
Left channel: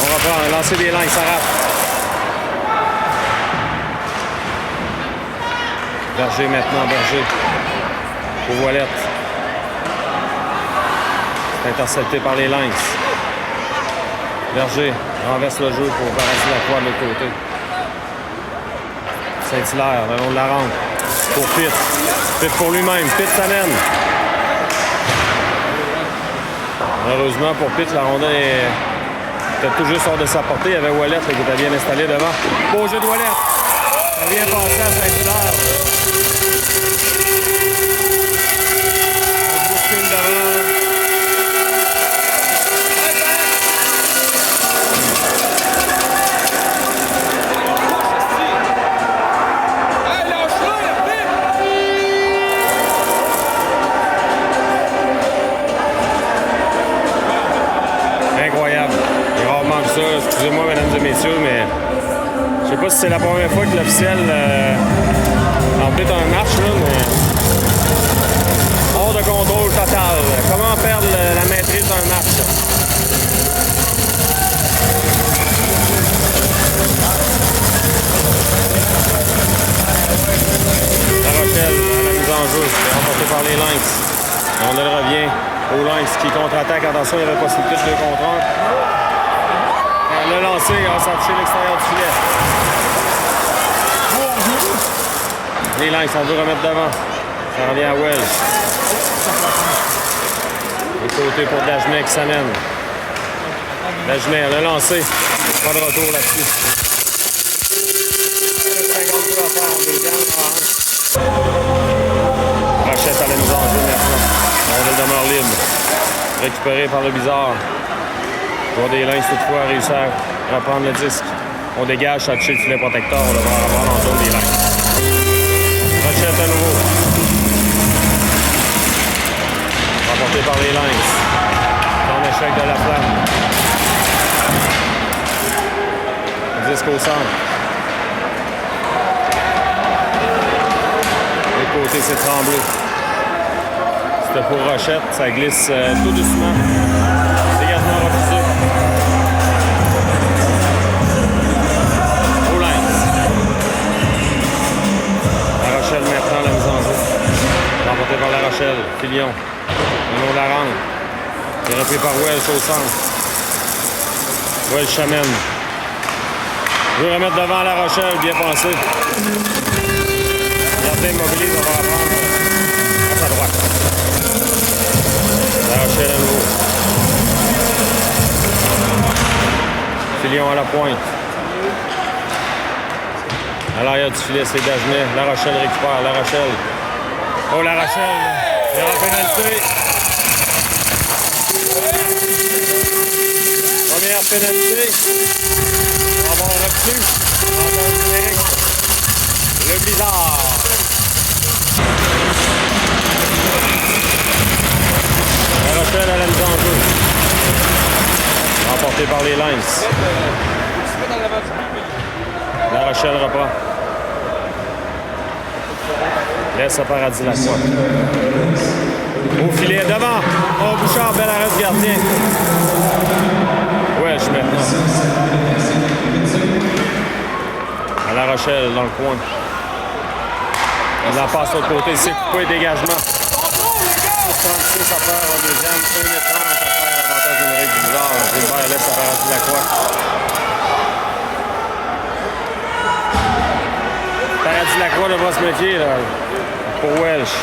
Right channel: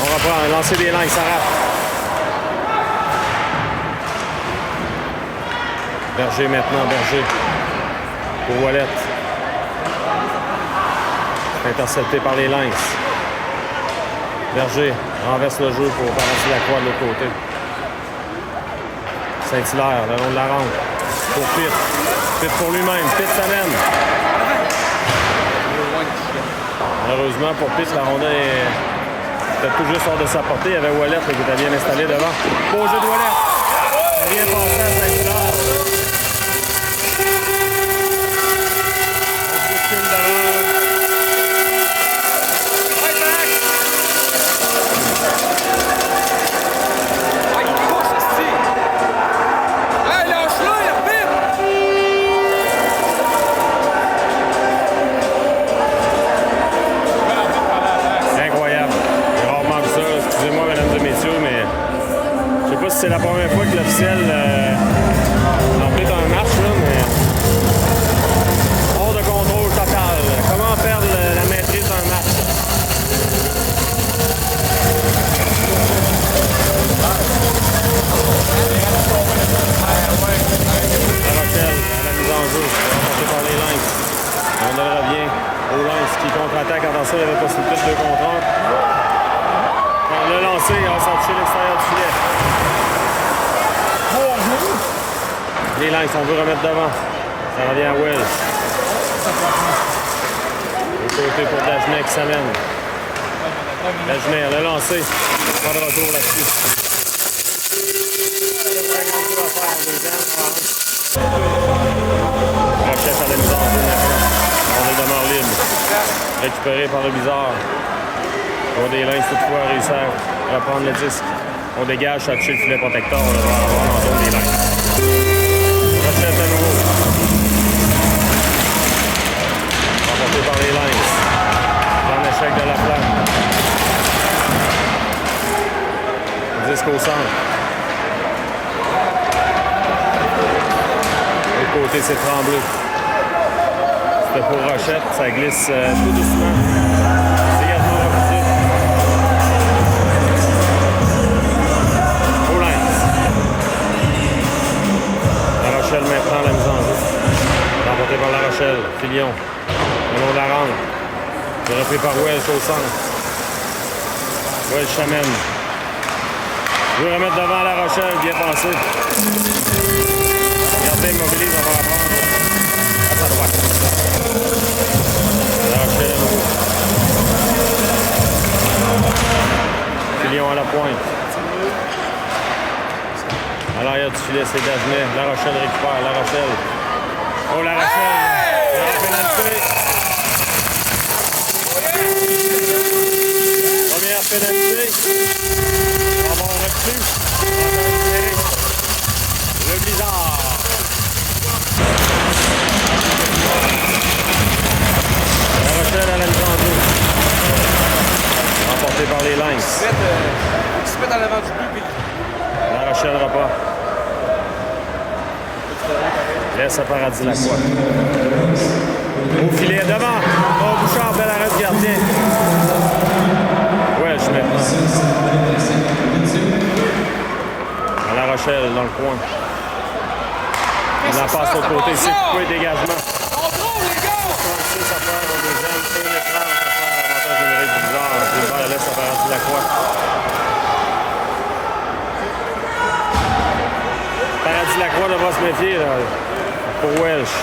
On reprend, un lancer des Lynx, ça rate. Berger maintenant, Berger. Pour Ouellet. C'est intercepté par les Lynx. Berger renverse le jeu pour Paradis Lacroix de l'autre côté. Saint-Hilaire, le long de la rampe. Pour Pitt. Pitt pour lui-même. Pitt s'amène. Heureusement pour Pitt, la rondelle était tout juste hors de sa portée. Il y avait Ouellet qui était bien installé devant. Beau jeu de Ouellet. Ça vient passer à Saint-Hilaire. On bouscule devant. Excusez-moi, mesdames et messieurs, mais je sais pas si c'est la première fois que l'officiel empiète un match, là, mais hors de contrôle total. Comment perdre la maîtrise d'un match? La Rochelle, la mise en jeu, remportée par les Lynx. On revient aux Lynx qui contre-attaque. Attention, il n'y avait pas possibilité de 2 contre 1. On l'a lancé, on va sortir l'extérieur du filet. Les Lynx, on veut remettre devant. Ça revient à Wells. De côté pour Dagenet qui s'amène. Dagenet, on l'a lancé. Pas de retour là-dessus. Rochette à la mise en jeu maintenant. Récupéré par le bizarre. Pour des Lynx, toutefois, réussi à reprendre le disque. On dégage, ça touche le filet protecteur. On devrait avoir dans le zone des Lynx. Rochette à nouveau. Remporté par les Lynx. En échec de la flamme. Disque au centre. De l'autre côté, c'est Tremblay. C'était pour Rochette. Ça glisse tout doucement. Dégagement refusé. Au Lynx. La Rochelle maintenant la mise en jeu. Remporté par La Rochelle. Filion. Le long de la rampe. Il est repris par Wells au centre. Wells chamène. Il veut remettre devant La Rochelle, bien pensé. Gardien immobilise, on va reprendre à sa droite. La Rochelle à nouveau. Filion à la pointe. À l'arrière du filet, c'est Dagenet. La Rochelle récupère. La Rochelle. Oh, La Rochelle. Il est en pénalité. Première pénalité. On va reçu. Le blizzard. La Rochelle à la mise en jeu. Remporté par les Lynx. La Rochelle repas. Laisse à Paradis Lacroix. Au filet devant. Oh, Bouchard, bel arrêt du gardien. Ouais, je maintenant. À La Rochelle, dans le coin. Il la passe au côté. C'est coupé, dégagement. 36 à faire au deuxième. 1 et 30 à faire l'avantage numérique du bizarre. Gilbert laisse à Paradis Lacroix. Paradis Lacroix devra se méfier là, pour Welsh.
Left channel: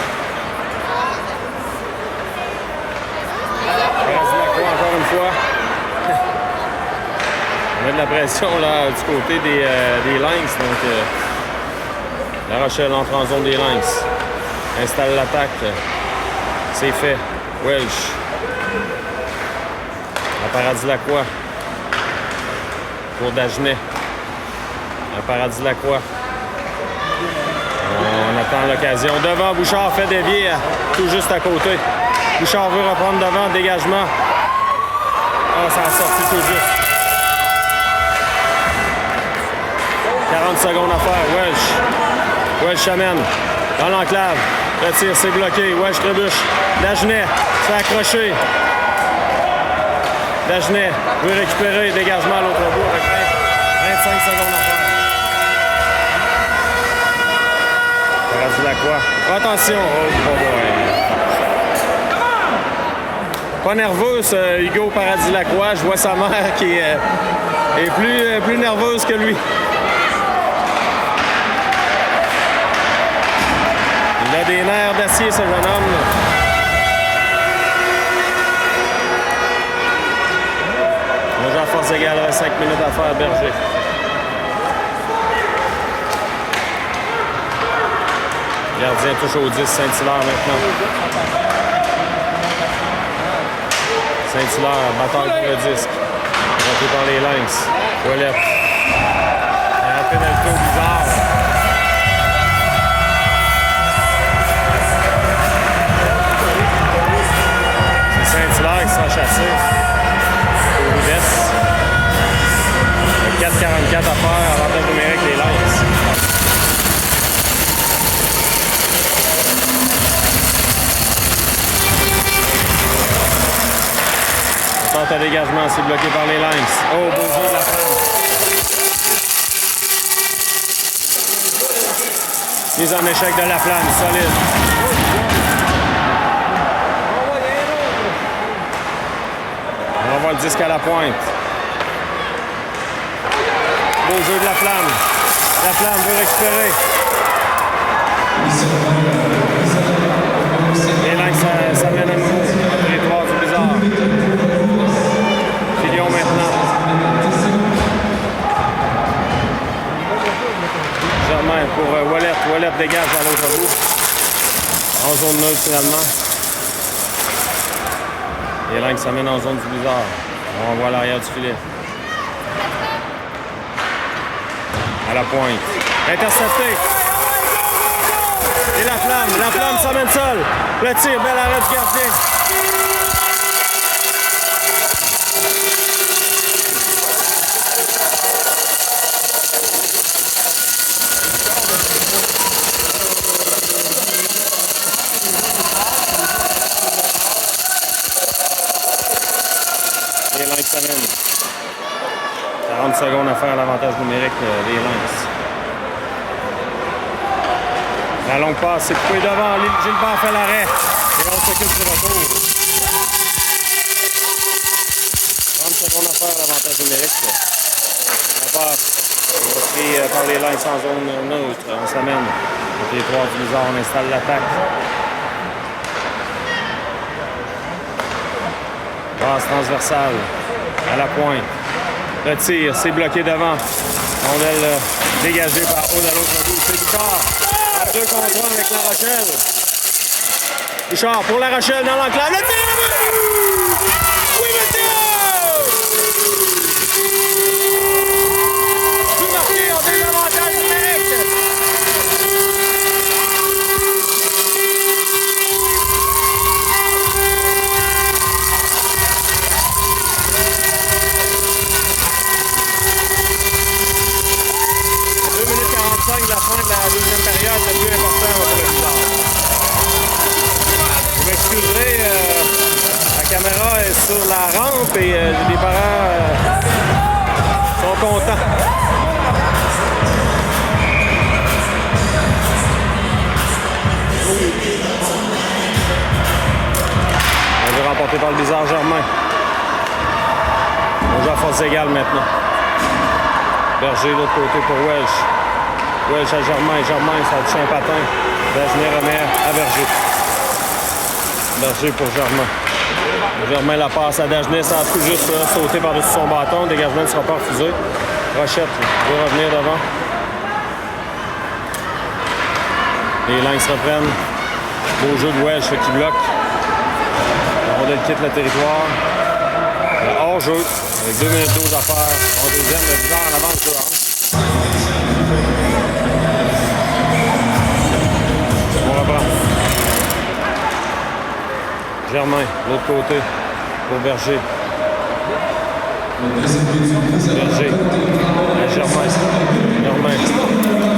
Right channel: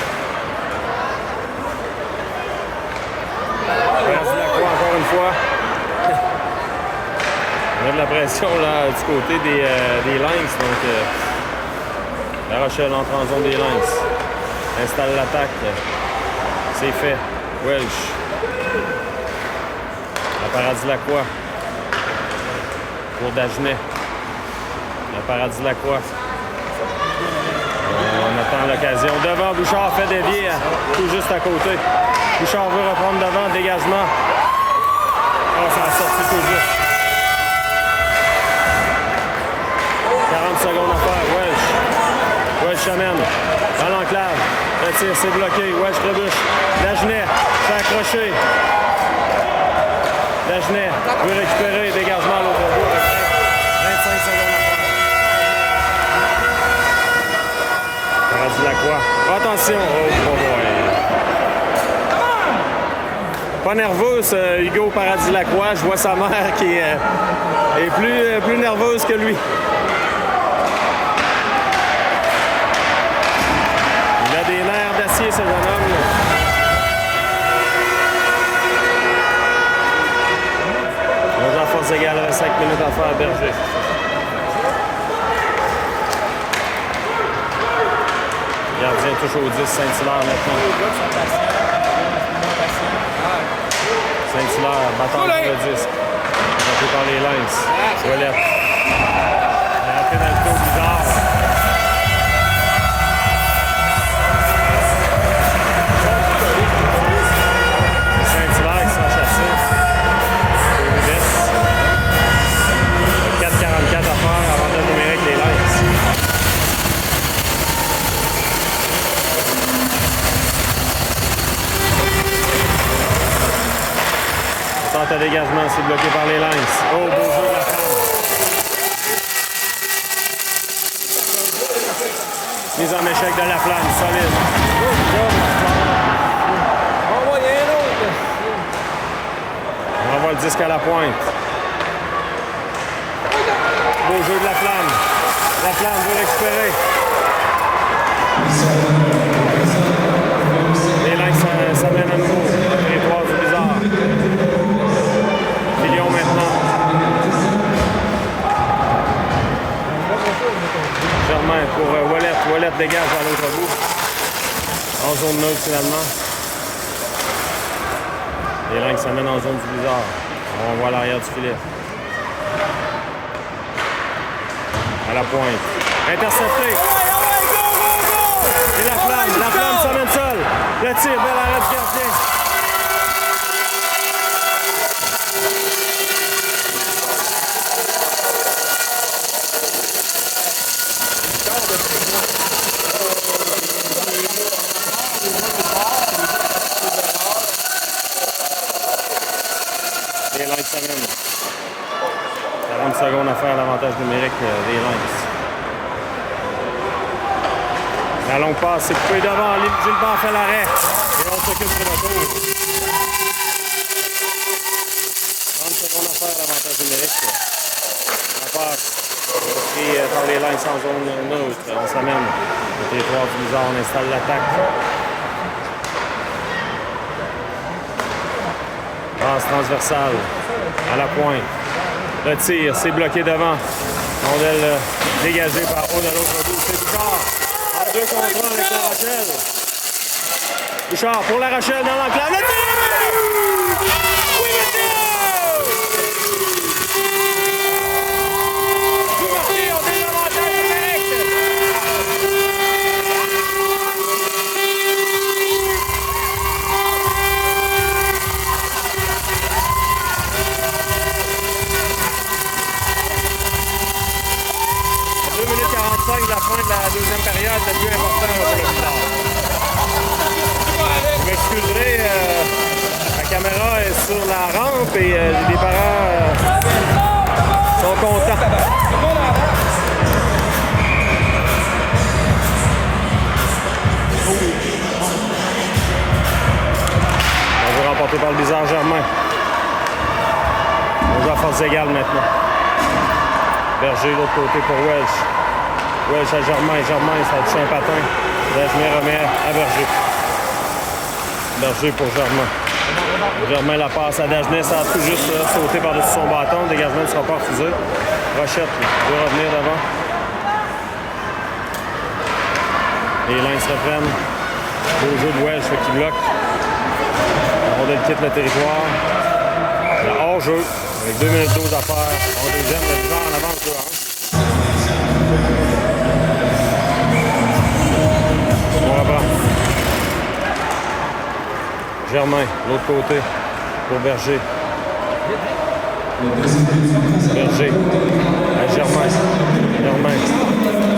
Paradis Lacroix encore une fois. On a de la pression là, du côté des Lynx. Donc, La Rochelle entre en zone des Lynx. Installe l'attaque. C'est fait. Welsh. À Paradis Lacroix. Pour Dagenet. À Paradis Lacroix. On attend l'occasion. Devant, Bouchard fait dévier tout juste à côté. Bouchard veut reprendre devant, dégagement. Oh, ça a sorti tout juste. 40 secondes à faire. Welsh. Welsh chamène. Dans l'enclave. Retire, c'est bloqué. Welsh trébuche. Dagenet fait accrocher. Dagenet veut récupérer. Dégagement à l'autre bout avec 25 secondes à faire. Paradis Lacroix. Attention. Oh boy. Pas nerveux, ce Hugo Paradis Lacroix. Je vois sa mère qui est plus nerveuse que lui. Il a des nerfs d'acier, ce jeune homme. On joue à force égale, 5 minutes à faire, Berger. Gardien touche au 10, Saint-Hilaire maintenant. Saint-Hilaire, bataille pour le disque. Raté par les Lynx. Ouellette. Un pénalité bizarre. C'est Saint-Hilaire qui sera chassé. Au 4,44 à faire, avantage numérique les Lynx. Tente à dégagement, c'est bloqué par les Lynx. Oh, beau jeu de la femme. Mise en échec de la flamme, solide. On revoit le disque à la pointe. Beau jeu de la flamme. La flamme veut récupérer. Les Lynx s'amènent à nouveau. En territoire du bizarre. Filion maintenant. Germain pour Ouellette. Ouellette dégage à l'autre bout. En zone neutre finalement. Les Lynx s'amènent en zone du blizzard. On va voir l'arrière du filet. À la pointe. Intercepté. Et la flamme s'amène seule. Le tir, bel arrêt du gardien. Les Lynx s'amènent. 40 secondes à faire l'avantage numérique des Lynx. La longue passe, c'est coupé devant. Gilbert fait l'arrêt. Et on s'occupe du retour. 30 secondes à faire l'avantage numérique. La passe pris par les Lynx en zone neutre. On s'amène. Au territoire du blizzard, on installe l'attaque. Passe transversale. À la pointe. Le tir, c'est bloqué devant. Rondelle dégagée par Aude à l'autre bout. C'est Bichard. En 2 contre 1 avec La Rochelle. Bichard pour La Rochelle dans l'enclave. Le tir! Oui, monsieur! Tout marqué, on a des avantages numériques. De la fin de la deuxième période, le plus important pour le blizzard. Vous m'excuserez, la caméra est sur la rampe et j'ai des parents qui sont contents. On veut remporter par le blizzard Germain. On joue à force égale maintenant. Berger de l'autre côté pour Welsh. Welsh à Germain. Germain, ça a touché un patin. Dagenet remet à Berger. Berger pour Germain. Germain la passe à Dagenet. Ça a tout juste sauté par-dessus son bâton. Le dégagement ne sera pas refusé. Rochette veut revenir devant. Les Lynx reprennent. Beau jeu de Welsh qui bloque. La rondelle quitte le territoire. Le hors-jeu avec 2 minutes 12 à faire. En deuxième, le blizzard en avance 2-1. On reprend. Germain, l'autre côté, pour Berger. Berger, à Germain. Germain,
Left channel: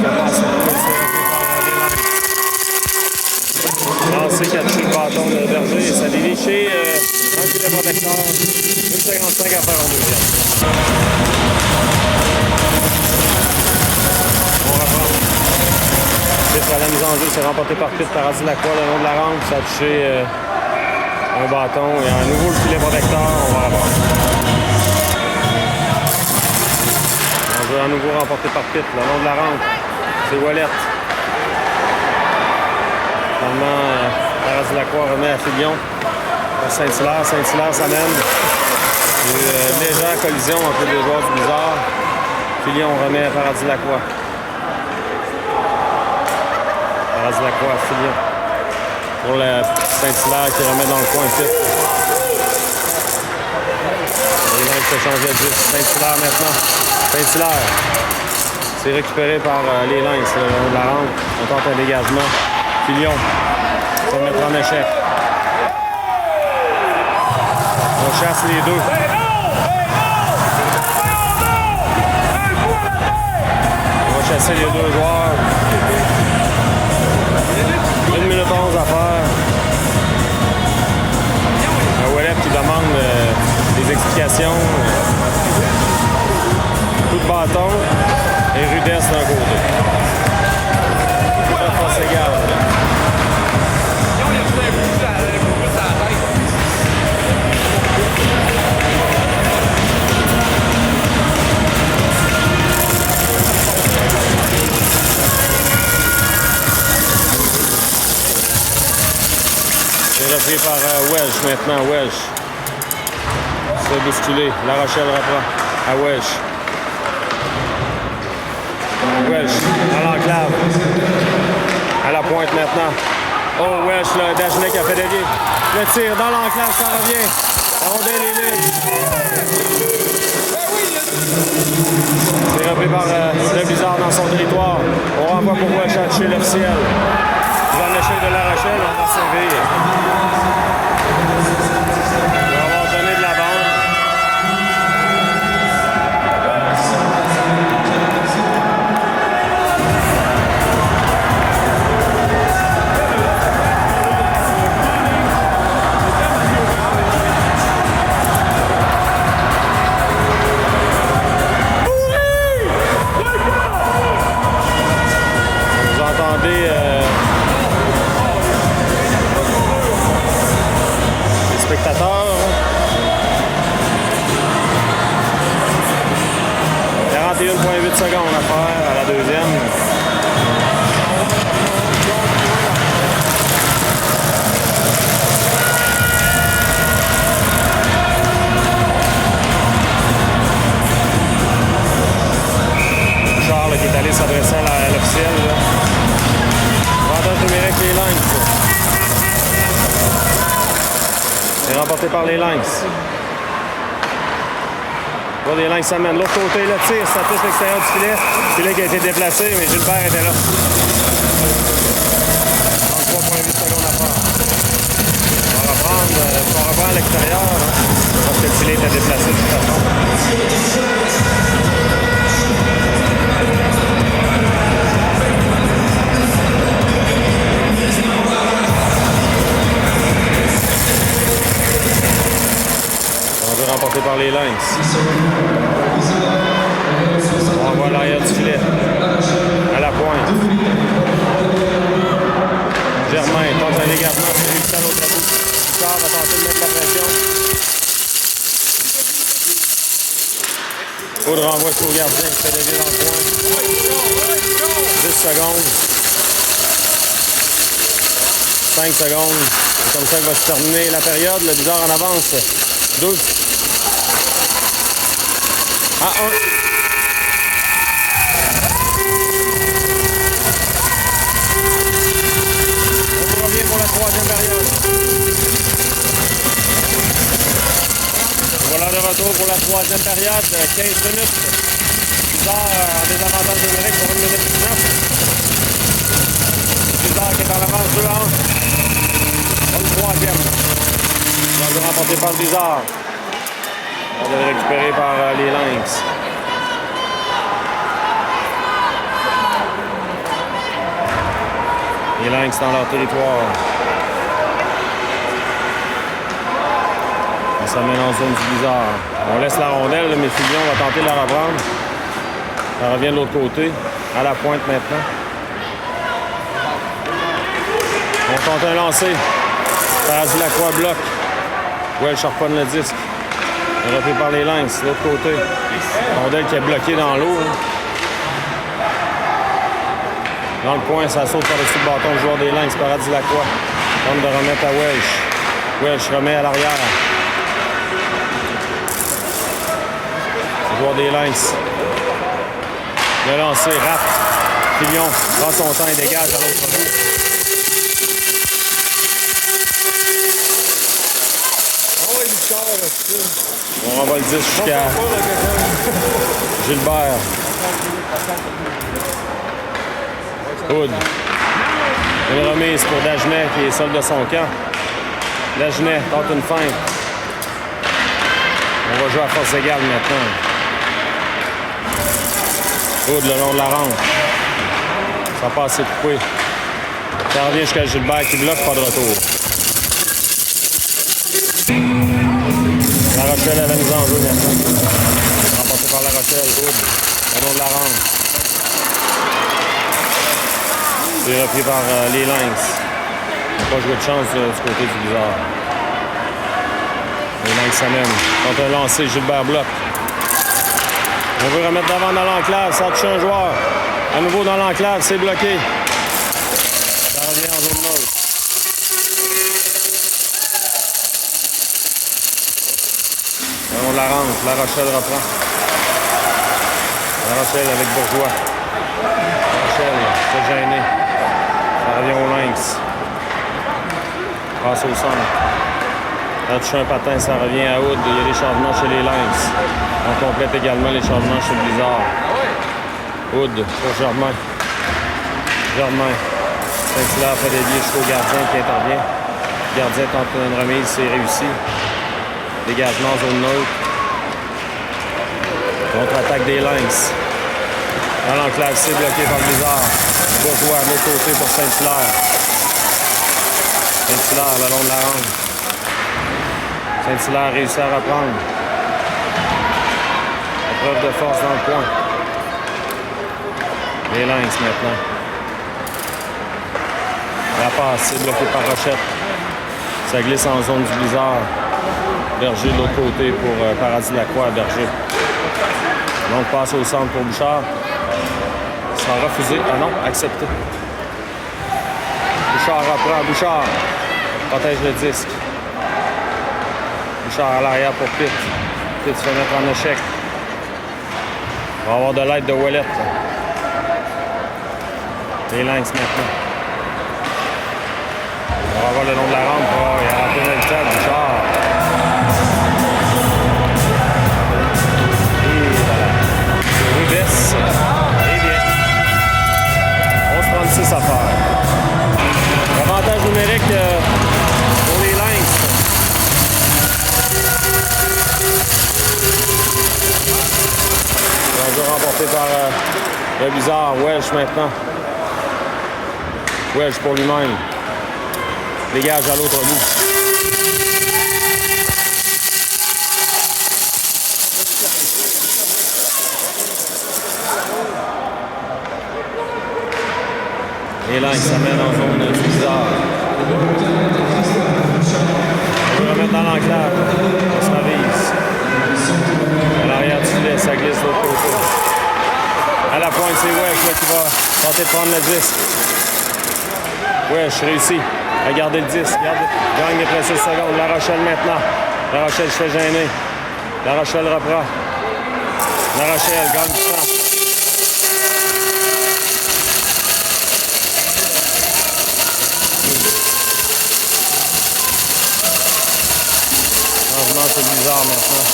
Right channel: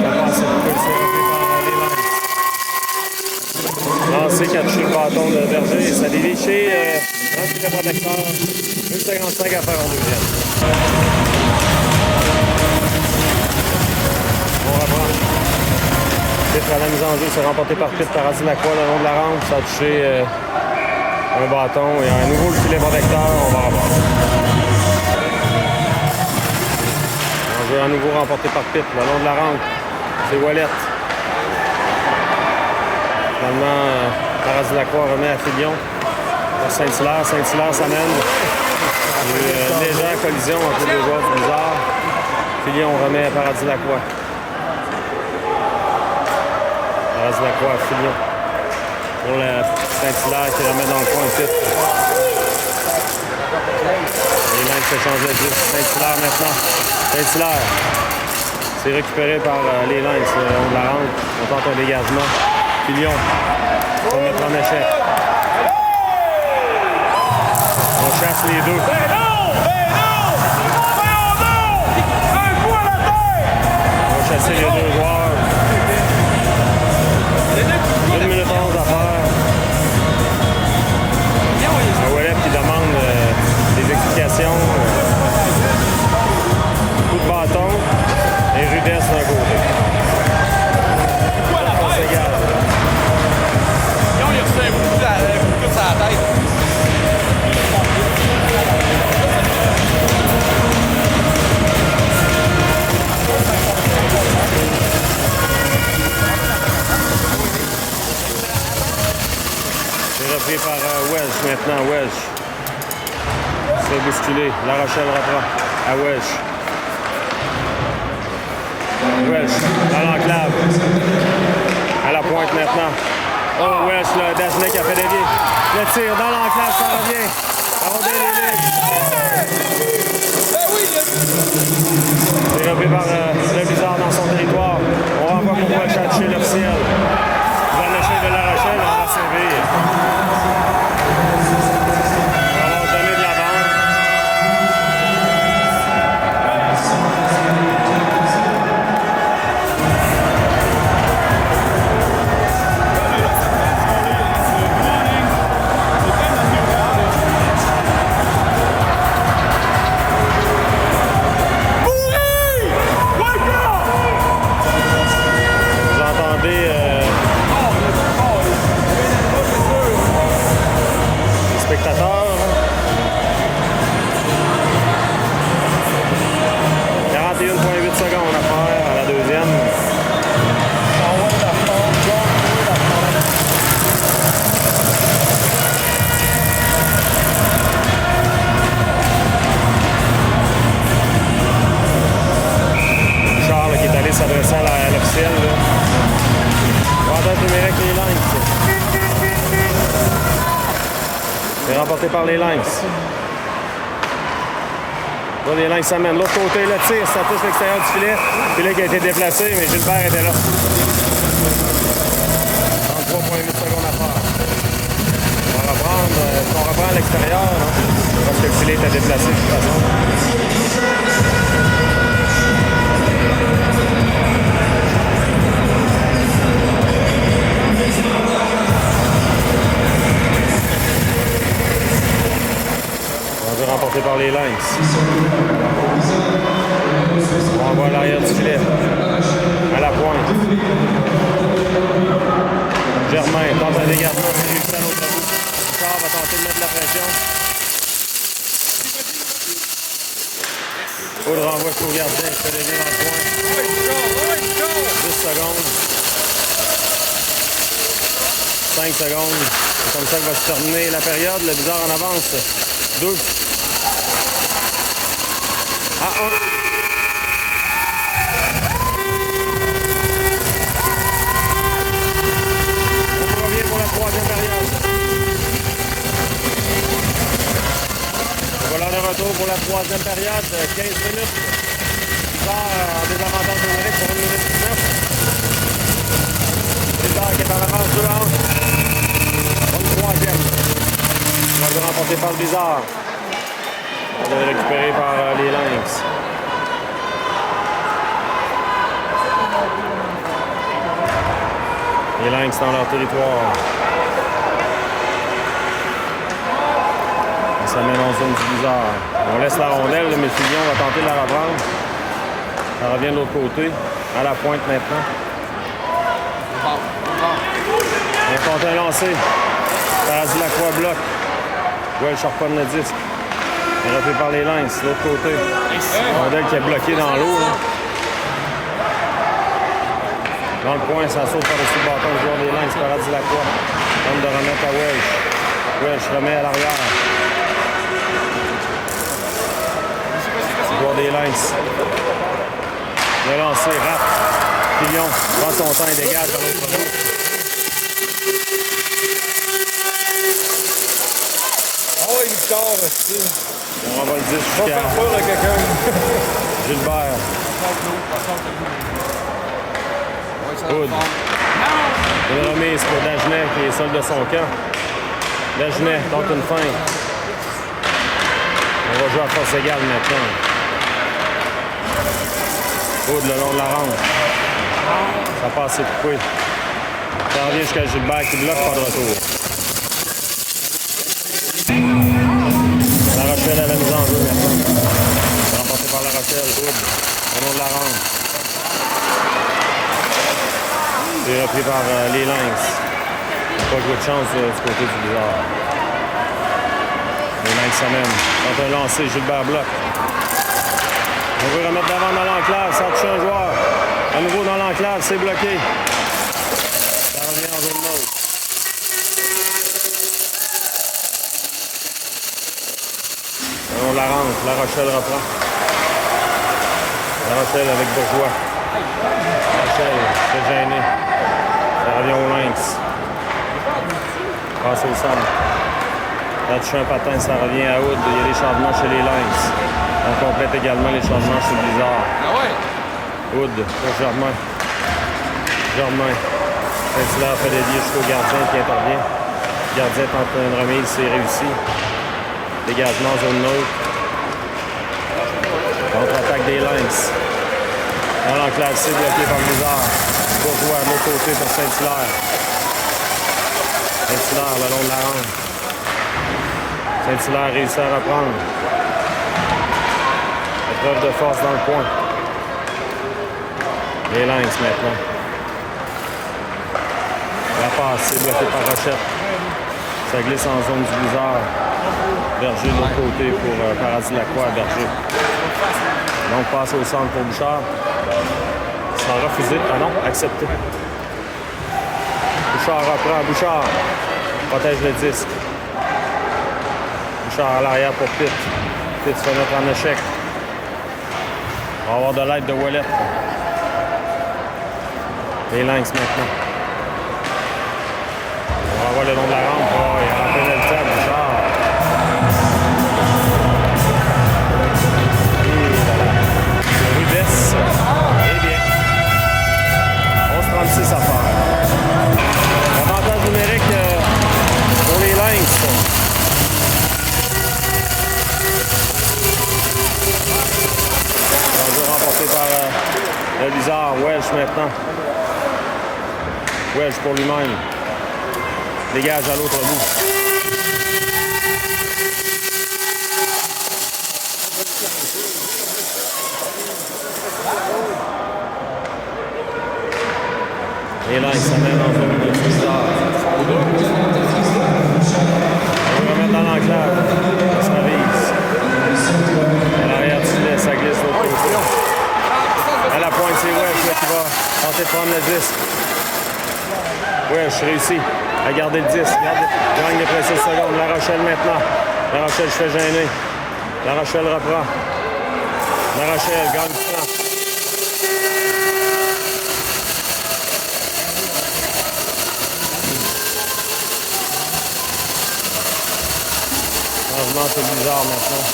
ça passe, c'est repris par les Lynx. Lancé qui a touché le bâton de Berger, ça dévie chez un filet protecteur. 1,55 à faire en deuxième. On reprend. Pitre à la mise en jeu, c'est remporté par Pitre par Lacroix le long de la rampe. Ça a touché un bâton et à nouveau le filet protecteur. On va reprendre. On jeu à nouveau remporté par Pitre le long de la rampe. C'est Wallet. Finalement, Paradis-Lacroix remet à Filion pour Saint-Hilaire. Saint-Hilaire s'amène. Il y a eu une légère collision entre les deux joueurs du blizzard. Filion remet à Paradis-Lacroix. Paradis-Lacroix à Filion. Pour le Saint-Hilaire qui remet dans le coin Pitre. Les Lynx fait changer de 10. Saint-Hilaire maintenant. Saint-Hilaire. C'est récupéré par les Lynx le long de la rampe. On tente un dégagement. Filion pour mettre en échec. On chasse les deux. On va chasser les deux joueurs. 1 minute 11 à faire. Un Wallet qui demande des explications. Coup de bâton et rudesse d'un côté. Force égale. C'est repris par Welsh maintenant. Welsh se fait bousculer. La Rochelle reprend à Welsh. Welsh dans l'enclave. À la pointe maintenant. Oh, Welsh, le Dagenet qui a fait dévier. Le tir dans l'enclave, ça revient. La rondelle est libre. Dérobé par le Blizzard dans son territoire. On renvoie pour chez l'officiel. Dans le chef de La Rochelle, on va servir. On va avoir donné de la bande. Vous entendez les spectateurs. 41,8 secondes à faire à la deuxième. Charles qui est allé s'adresser à l'officiel. Avantage numérique les Lynx. C'est remporté par les Lynx. Là, les Lynx s'amènent. L'autre côté, le tir, ça touche l'extérieur du filet. Le filet qui a été déplacé, mais Gilbert était là. 33,8 secondes à faire. On reprend à l'extérieur, parce que le filet était déplacé de toute façon. Remporté par les Lynx. On voit l'arrière du filet. À la pointe. Germain tente un dégagement, c'est réussi à l'autre bout. Richard va tenter de mettre la pression. Aude renvoie au gardien qui fait dévier dans le coin. 10 secondes. 5 secondes. C'est comme ça que va se terminer la période. Le Blizzard en avance. 12 à 1. On revient pour la troisième période. Voilà le retour pour la troisième période. 15 minutes. Blizzard en désavantage numérique pour 1 minute 19. Blizzard qui est en avance 2 à 1. Pour le troisième. On va remporter par Blizzard. On va récupérer par les Lynx. Les Lynx dans leur territoire. On s'amène en zone du Blizzard. On laisse la rondelle, mais Fillon va tenter de la reprendre. Ça revient de l'autre côté. À la pointe maintenant. On tente un lancer. Paradis Lacroix bloque. Welch harponne le disque. Dérobé par les Lynx, de l'autre côté. Rondelle qui est bloqué dans l'eau. Dans le coin, ça saute par-dessus le bâton le joueur des Lynx, Paradis Lacroix. Tente de remettre à Welch. Welch remet à l'arrière. C'est le joueur des Lynx. Le lancer, rate. Fillon prend son temps et dégage à l'autre bout. On va dire jusqu'à Gilbert. Hood. Une remise pour Dagenet qui est seul de son camp. Dagenet tente une feinte. On va jouer à force égale maintenant. Hood le long de la rampe. Ça passe, c'est coupé. Ça revient jusqu'à Gilbert qui bloque, pas de retour. La Rochelle à la mise en jeu maintenant. Remporté par La Rochelle, Hood, au long de la rampe. C'est repris par les Lynx. Pas joué de chance du côté du Blizzard. Les Lynx s'amènent. Quand un lancé, Gilbert bloque. On veut remettre d'avant dans l'enclave, ça touche un joueur. À nouveau dans l'enclave, c'est bloqué. Ça revient en zone neutre. On la rentre, La Rochelle reprend. La Rochelle avec Bourgeois. La Rochelle, c'est gêné. Ça revient au Lynx. Passe au centre. On touche un patin, ça revient à Hood. Il y a des changements chez les Lynx. On complète également les changements chez le Blizzard. Hood pour Germain. Germain. Saint-Hilaire fait dédier jusqu'au gardien qui intervient. Le gardien tente une remise, c'est réussi. Dégagement zone neutre. Contre-attaque des Lynx. Dans l'enclave, c'est bloqué par Blizzard. Bourgeois de l'autre côté pour Saint-Hilaire. Saint-Hilaire le long de la rampe. Saint-Hilaire réussit à reprendre. Épreuve de force dans le coin. Les Lynx maintenant. La passe, c'est bloqué par Rochette. Ça glisse en zone du Blizzard. Berger de l'autre côté pour Paradis Lacroix, Berger. Donc passe au centre pour Bouchard. Ça a refusé. Ah non, accepté. Bouchard reprend. Bouchard protège le disque. Bouchard à l'arrière pour Pitt. Pitt se fait mettre en échec. On va avoir de l'aide de Ouellette. Les Lynx maintenant. On va voir le long de la rampe. Oh, il a rappelé le stade, Bouchard. Et voilà. Rudesse. Eh bien. 11-36 à faire. Avantage numérique pour les Lynx. L'enjeu remporté par le Blizzard. Welsh maintenant. Welsh pour lui-même. Dégage à l'autre bout. Les Lynx s'amènent en zone de Blizzard. On va remettre dans l'enclave. On s'avise. À l'arrière du filet, ça glisse de l'autre côté. À la pointe, c'est Welsh qui va tenter de prendre le disque. Welsh réussit à garder le disque. Gagne les précieuses secondes. La Rochelle maintenant. La Rochelle se fait gêner. La Rochelle reprend. La Rochelle gagne du temps. Changement, c'est bizarre maintenant.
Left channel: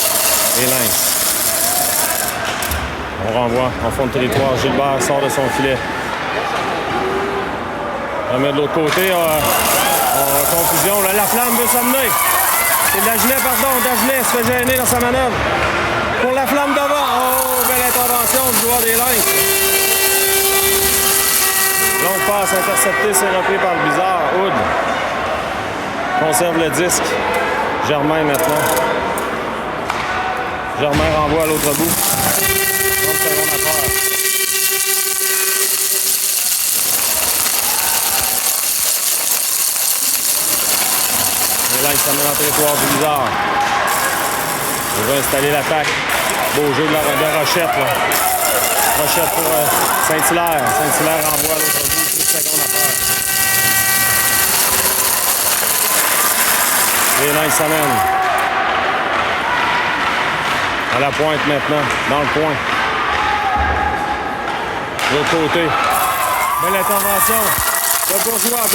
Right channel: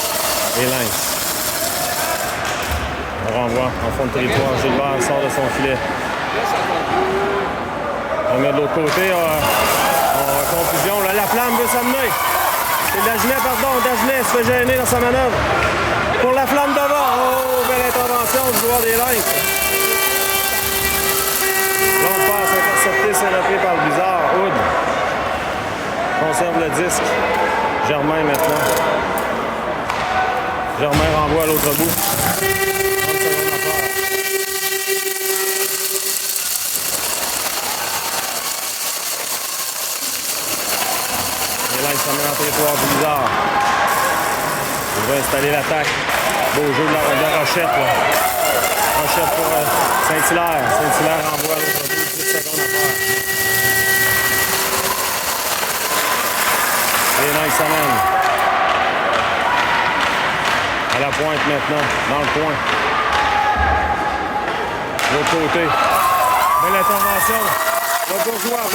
Les Lynx. On renvoie en fond de territoire. Gilbert sort de son filet. On met de l'autre côté. Confusion. Là, la flamme veut s'amener. C'est Dagenet, pardon. Dagenet se fait gêner dans sa manœuvre. Pour la flamme devant. Oh, belle intervention du joueur des Lynx. Longue passe interceptée, c'est repris par le Blizzard. Hood conserve le disque. Germain maintenant. Germain renvoie à l'autre bout. 30 secondes à faire. Là, il s'amène en territoire du Blizzard. Il va installer l'attaque. Beau jeu de Rochette. Là. Rochette pour Saint-Hilaire. Saint-Hilaire renvoie à l'autre bout. 10 secondes à faire. Et là, il s'amène. À la pointe maintenant. Dans le coin. De l'autre côté. Belle intervention. De Bourgeois.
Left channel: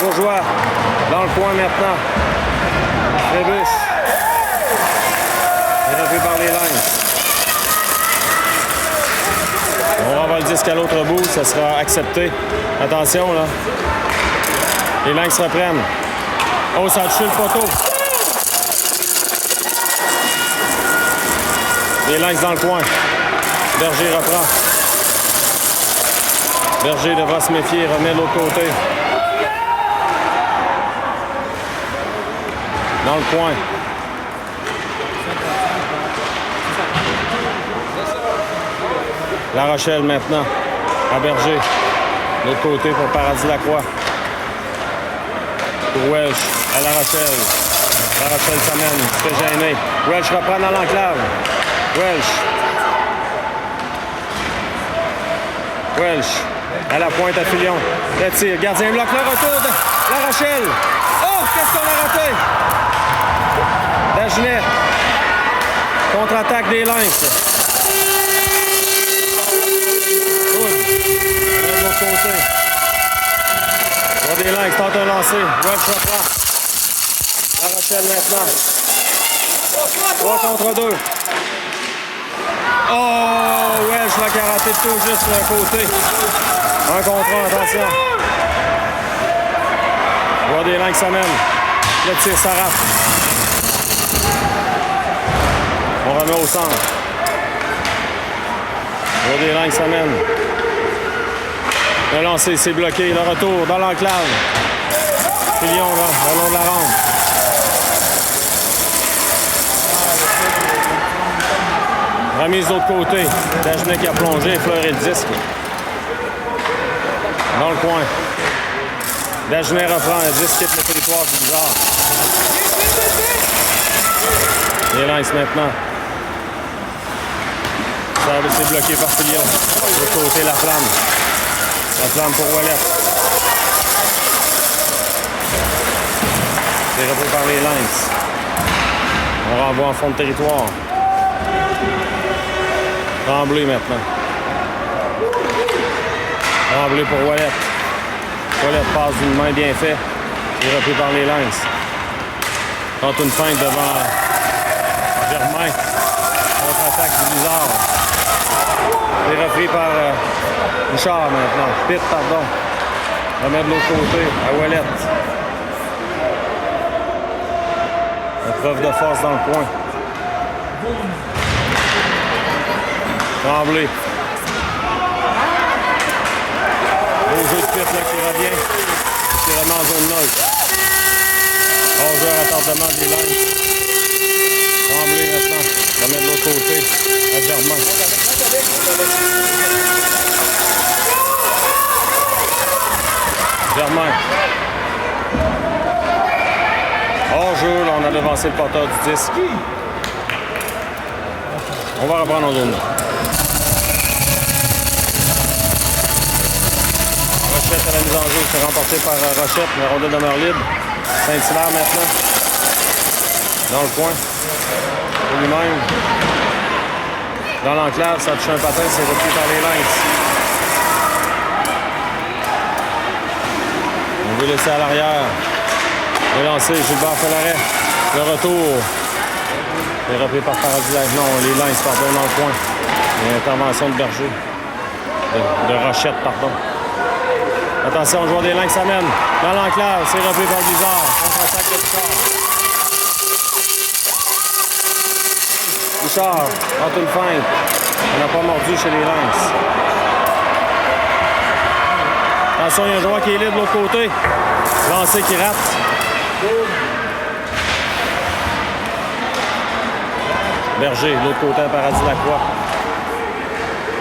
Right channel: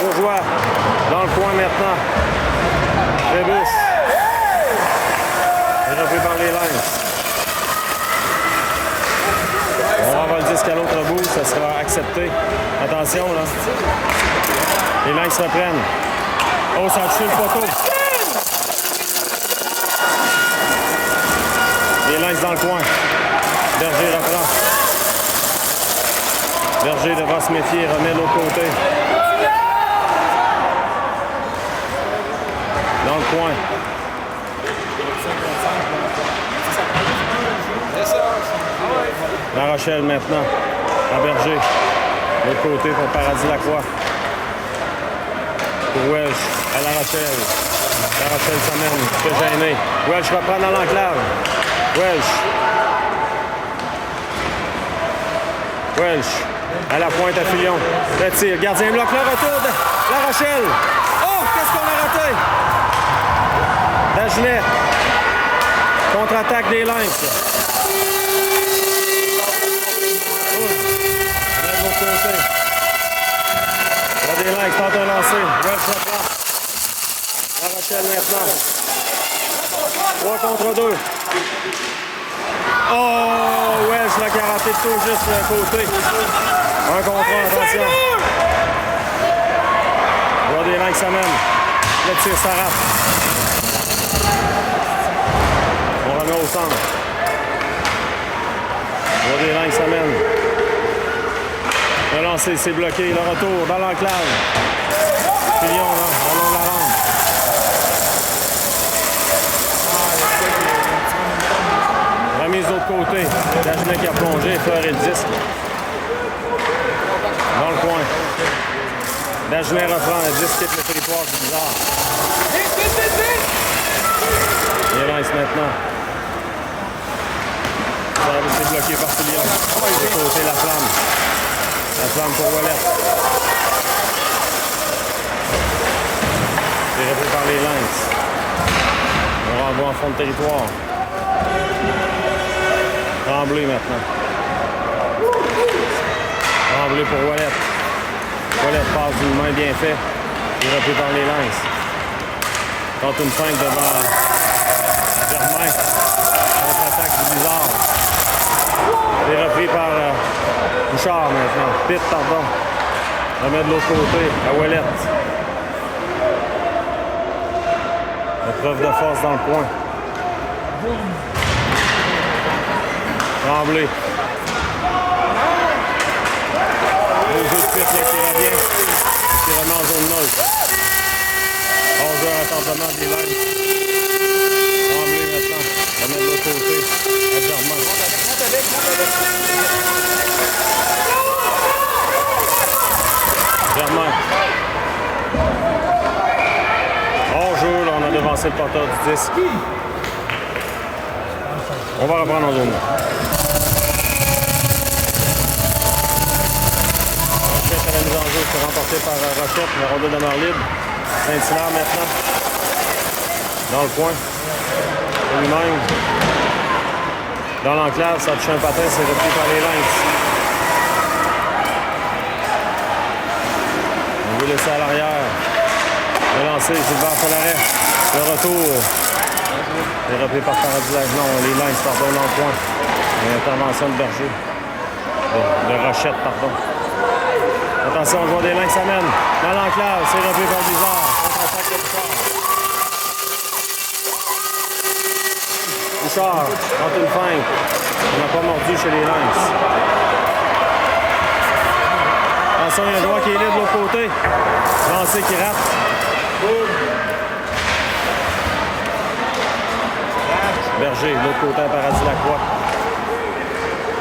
Bourgeois, dans le coin maintenant. Trébuche. C'est repris par les Lynx. On renvoie le disque à l'autre bout, ça sera accepté. Attention, là. Les Lynx reprennent. Oh, ça a touché le poteau. Les Lynx dans le coin. Berger reprend. Berger devra se méfier, remet de l'autre côté. Dans le coin. La Rochelle maintenant. À Berger. De l'autre côté pour Paradis Lacroix. Pour Welsh. À La Rochelle. La Rochelle s'amène. C'est gêné. Welsh reprend dans l'enclave. Welsh. À la pointe à Fillon. Le tir. Gardien bloque le retour de La Rochelle. Oh, qu'est-ce qu'on a raté? Dagenet. Contre-attaque des Lynx. De l'autre côté. Des Lynx tente un lancer. Welsh reprend. La Rochelle maintenant. 3 contre 2. Oh, Welsh l'a karaté tout juste le côté. 1 contre 1, attention. Voir des langues s'amènent. Le tir s'arrache. On remet au centre. Voir des langues s'amènent. Le lancer, c'est bloqué. Le retour dans l'enclave. Fillon, là, au long de la rampe. Remise de l'autre côté. Dagenet qui a plongé, effleuré le disque. Dans le coin. Dagenet reprend le disque, quitte le territoire du bizarre. Les Lynx maintenant. Service est bloqué par Fillon. De l'autre côté, la flamme. La flamme pour Wallet. C'est repris par les Lynx. On renvoie en fond de territoire. Tremblay maintenant. Tremblay pour Wallet. Wallet passe d'une main bien faite. C'est repris par les Lynx. Tente une feinte devant Germain. Contre-attaque du Bizarre. C'est repris par Bouchard maintenant. Pitt, pardon. Remet de l'autre côté à Wallet. Preuve de force dans le coin. Tremblay. Beau jeu de Pitt là, qui revient. Qui remet en zone neutre. 11 heures à tardement des Lynx. Tremblay maintenant. Remet de l'autre côté à Germain. Germain. Hors-jeu, là, on a devancé le porteur du disque. On va reprendre en zone. Rochette à la mise en jeu, c'est remporté par Rochette. La rondelle demeure libre. Saint-Hilaire maintenant. Dans le coin. Pour lui-même. Dans l'enclave, ça touche un patin, c'est repris par les Lynx. On veut laisser à l'arrière. Le lancer, Gilbert fait l'arrêt. Le retour. C'est repris par Paradis. Non, les Lynx, pardon, dans le coin. Intervention de Berger. De Rochette, pardon. Attention, le joueur des Lynx s'amène. Dans l'enclave, c'est repris par Bizarre. Contre-attaque de Bouchard. Bouchard, tente une feinte. On n'a pas mordu chez les Lynx. Attention, il y a un joueur qui est libre de l'autre côté. Lancé qui rate. Berger, de l'autre côté, à Paradis-Lacroix.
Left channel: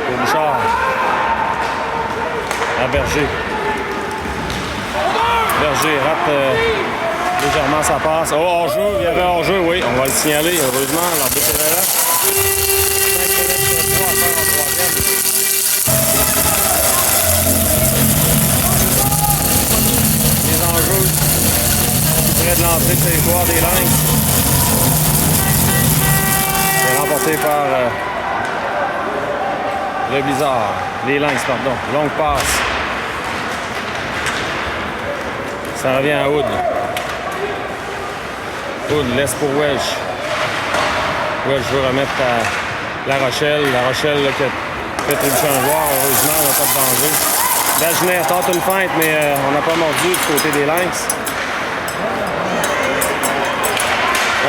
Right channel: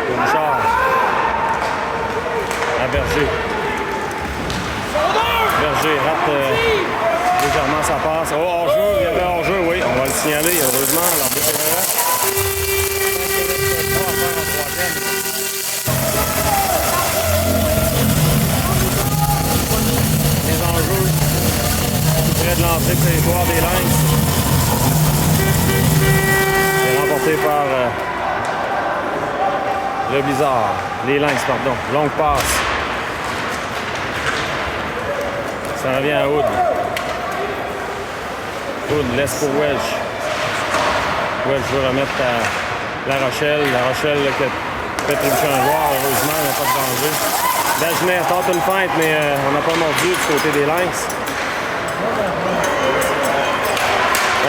Pour Bouchard. À Berger. Berger rate légèrement sa passe. Oh, hors-jeu, il y avait hors-jeu, oui. On va le signaler, heureusement. L'arbitre est là. 5 minutes 3 à faire en troisième. Les enjeux tout près de l'entrée du territoire des Lynx. C'est remporté par le Blizzard. Les Lynx, pardon. Longue passe. Ça revient à Hood. Hood laisse pour Welsh. Welsh veut remettre à La Rochelle. La Rochelle là, qui a fait une chance à voir. Heureusement, il n'y a pas de danger. Dagenet tente une feinte, mais on n'a pas mordu du côté des Lynx.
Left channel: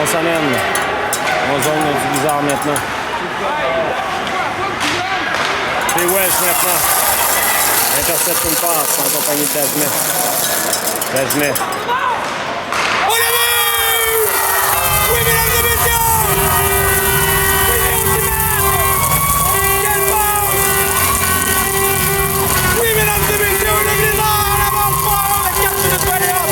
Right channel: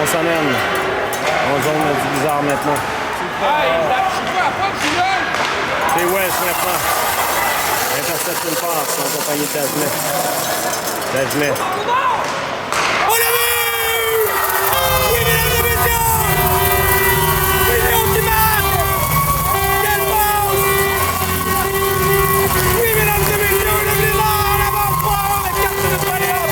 On s'amène. On zone du Blizzard maintenant. C'est Welsh maintenant. Intercepte une passe en compagnie de Dagenet. Dagenet. On l'a vu! Oui, mesdames et messieurs! C'est l'ultimate! Quelle passe! Oui, mesdames et messieurs, le Blizzard en avance fort, les 4 minutes pour aller en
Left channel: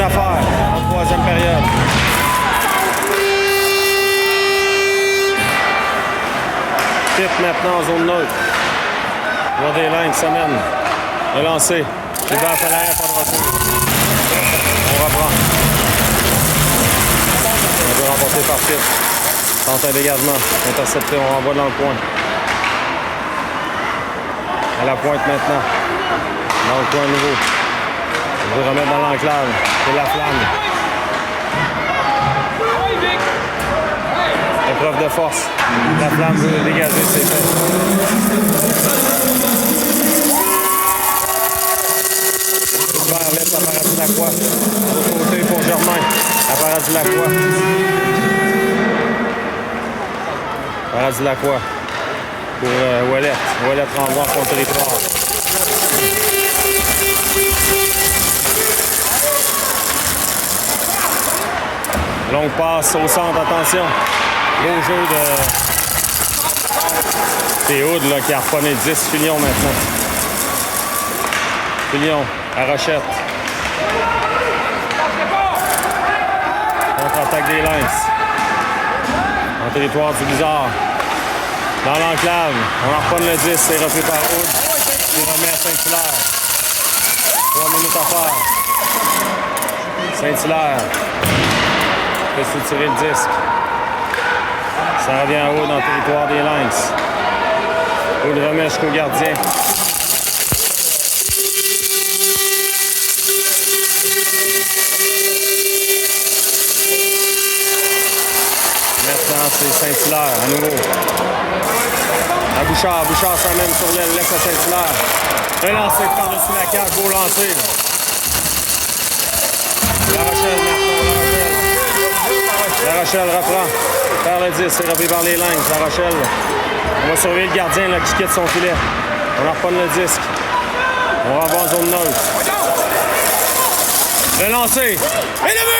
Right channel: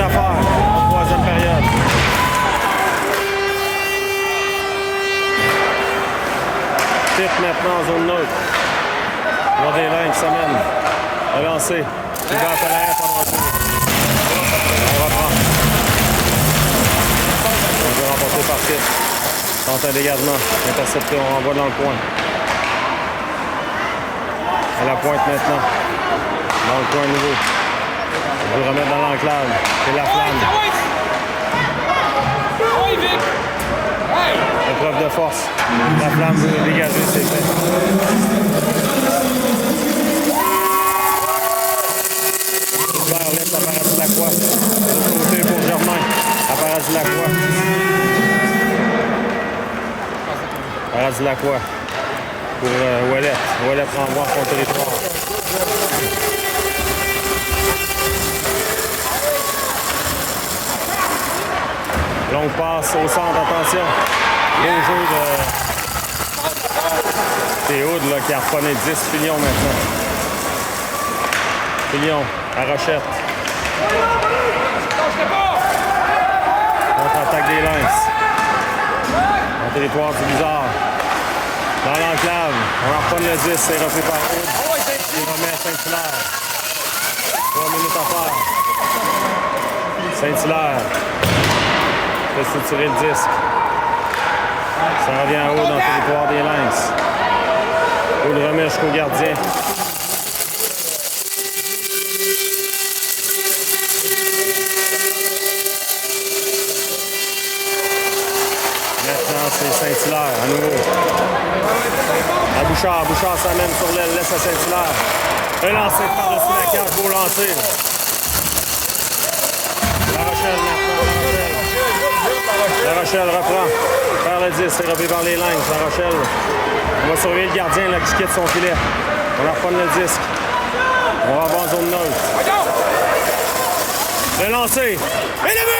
une affaire en troisième période. Pitt maintenant en zone neutre. Voir des Lynx s'amène. Relancé. Hubert Falaire, pas de retour. On reprend. On veut remporter par Pitt. Tente un dégagement. Intercepté, on renvoie dans le coin. À la pointe maintenant. Dans le coin nouveau. On veut remettre dans l'enclave. C'est la flamme. Épreuve de force. La flamme veut dégager ses faits. Hubert laisse à Paradis-Lacroix. De l'autre côté pour Germain. À Paradis-Lacroix. Paradis-Lacroix. Pour Ouellet. Ouellet renvoie son territoire. Longue passe au centre, attention. Beau jeu de Théoud là, qui a reconnu 10 Filion maintenant. Filion à Rochette. Contre-attaque des Lynx. En territoire du Bizarre. Dans l'enclave, on en reprend le 10, c'est repris par Aude. Il remet à Saint-Hilaire. 3 minutes à faire. Saint-Hilaire. Fait tirer le disque. Ça revient à Aude dans le territoire des Lynx. Aude remet jusqu'au gardien. Maintenant, c'est Saint-Hilaire à nouveau. À Bouchard. Bouchard s'amène sur l'aile, laisse à Saint-Hilaire. Relancé par-dessus la cage, beau lancer. La Rochelle maintenant, La Rochelle. La Rochelle reprend. Par le 10, c'est repris par les Lynx. La Rochelle. On va surveiller le gardien là, qui quitte son filet. On leur reprend le disque. On va avoir en zone neutre. Relancé. Et le but!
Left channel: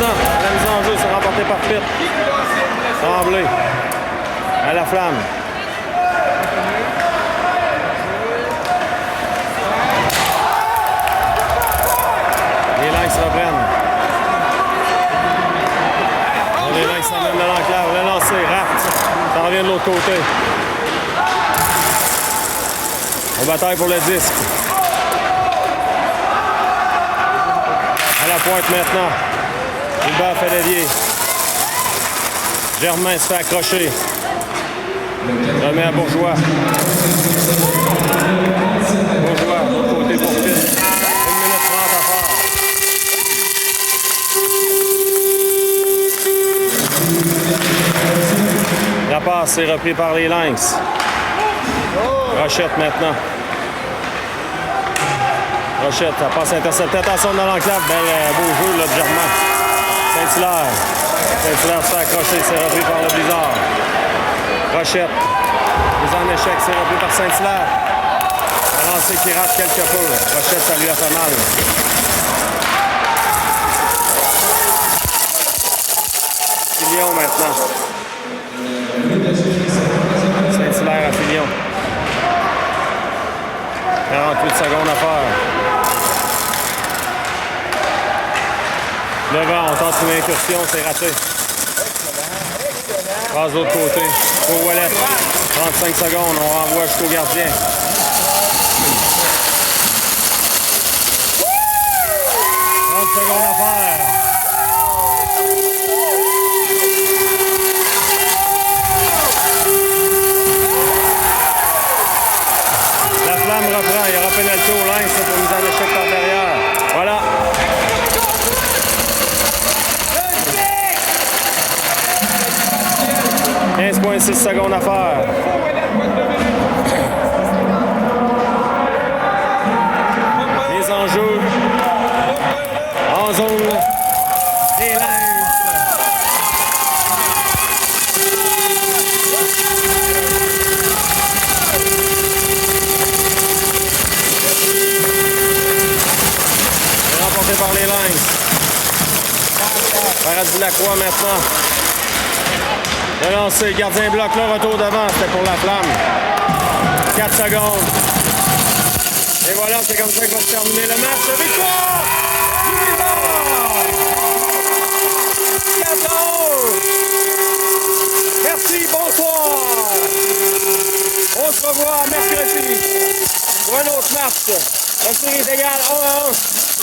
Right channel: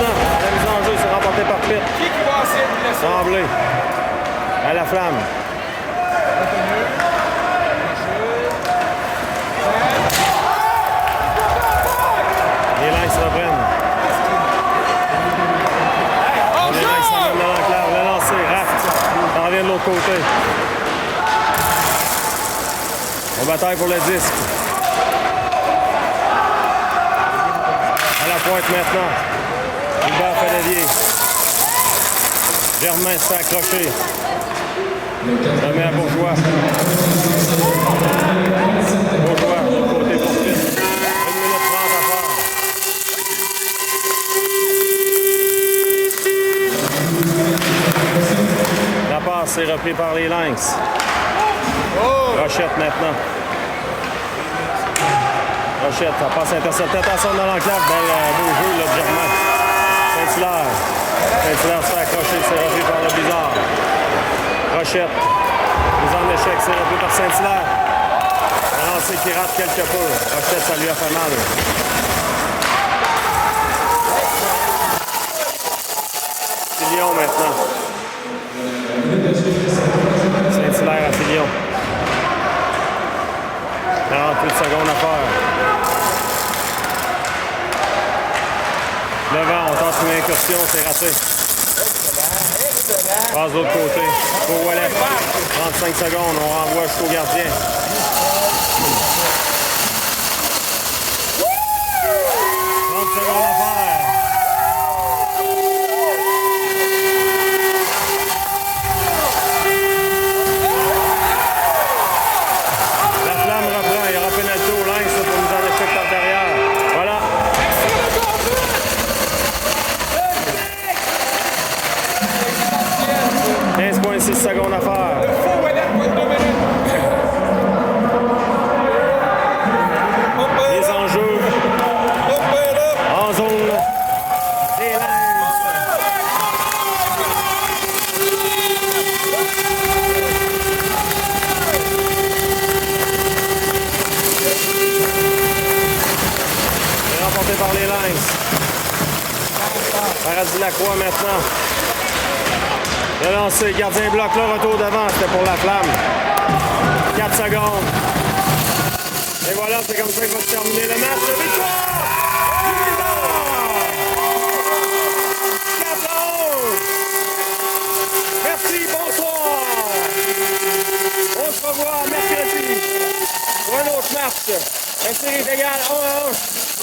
La mise en jeu, c'est remporté par Pitt. Tremblay. À la flamme. Les Lynx reprennent. Les Lynx s'amènent de l'enclave. Le lancer, raft. Ça revient de l'autre côté. On bataille pour le disque. À la pointe maintenant. Hubert Falavier. Germain se fait accrocher. Remet à Bourgeois. Bourgeois, de l'autre côté pour Pitt. 1 minute 30 à faire. La passe est reprise par les Lynx. Rochette maintenant. Rochette, la passe interceptée. Attention dans l'enclave. Beau jeu là, de Germain. Saint-Hilaire. Saint-Hilaire se fait accrocher, c'est repris par le Bizarre. Rochette. Mise en échec, c'est repris par Saint-Hilaire. Un lancer qui rate quelque peu. Rochette, ça lui a fait mal. Filion maintenant. Saint-Hilaire à Filion. 48 secondes à faire. Devant, on tente une incursion, c'est raté. Passe de l'autre côté. Pour Ouellet. 35 secondes, on renvoie jusqu'au gardien. 30 secondes à faire. La flamme reprend, il y aura pénalité au Lynx pour mise en échec par derrière. Voilà. 2,6 secondes à faire. Les enjeux en zone des Lynx. C'est remporté par les Lynx. Paradis Lacroix maintenant. Le lancer, gardien bloc là, retour devant, c'était pour la flamme. 4 secondes. Et voilà, c'est comme ça que va se terminer le match. Victoire! Du 14! Merci, bonsoir! On se revoit mercredi pour un autre match. La série est égale 1-1.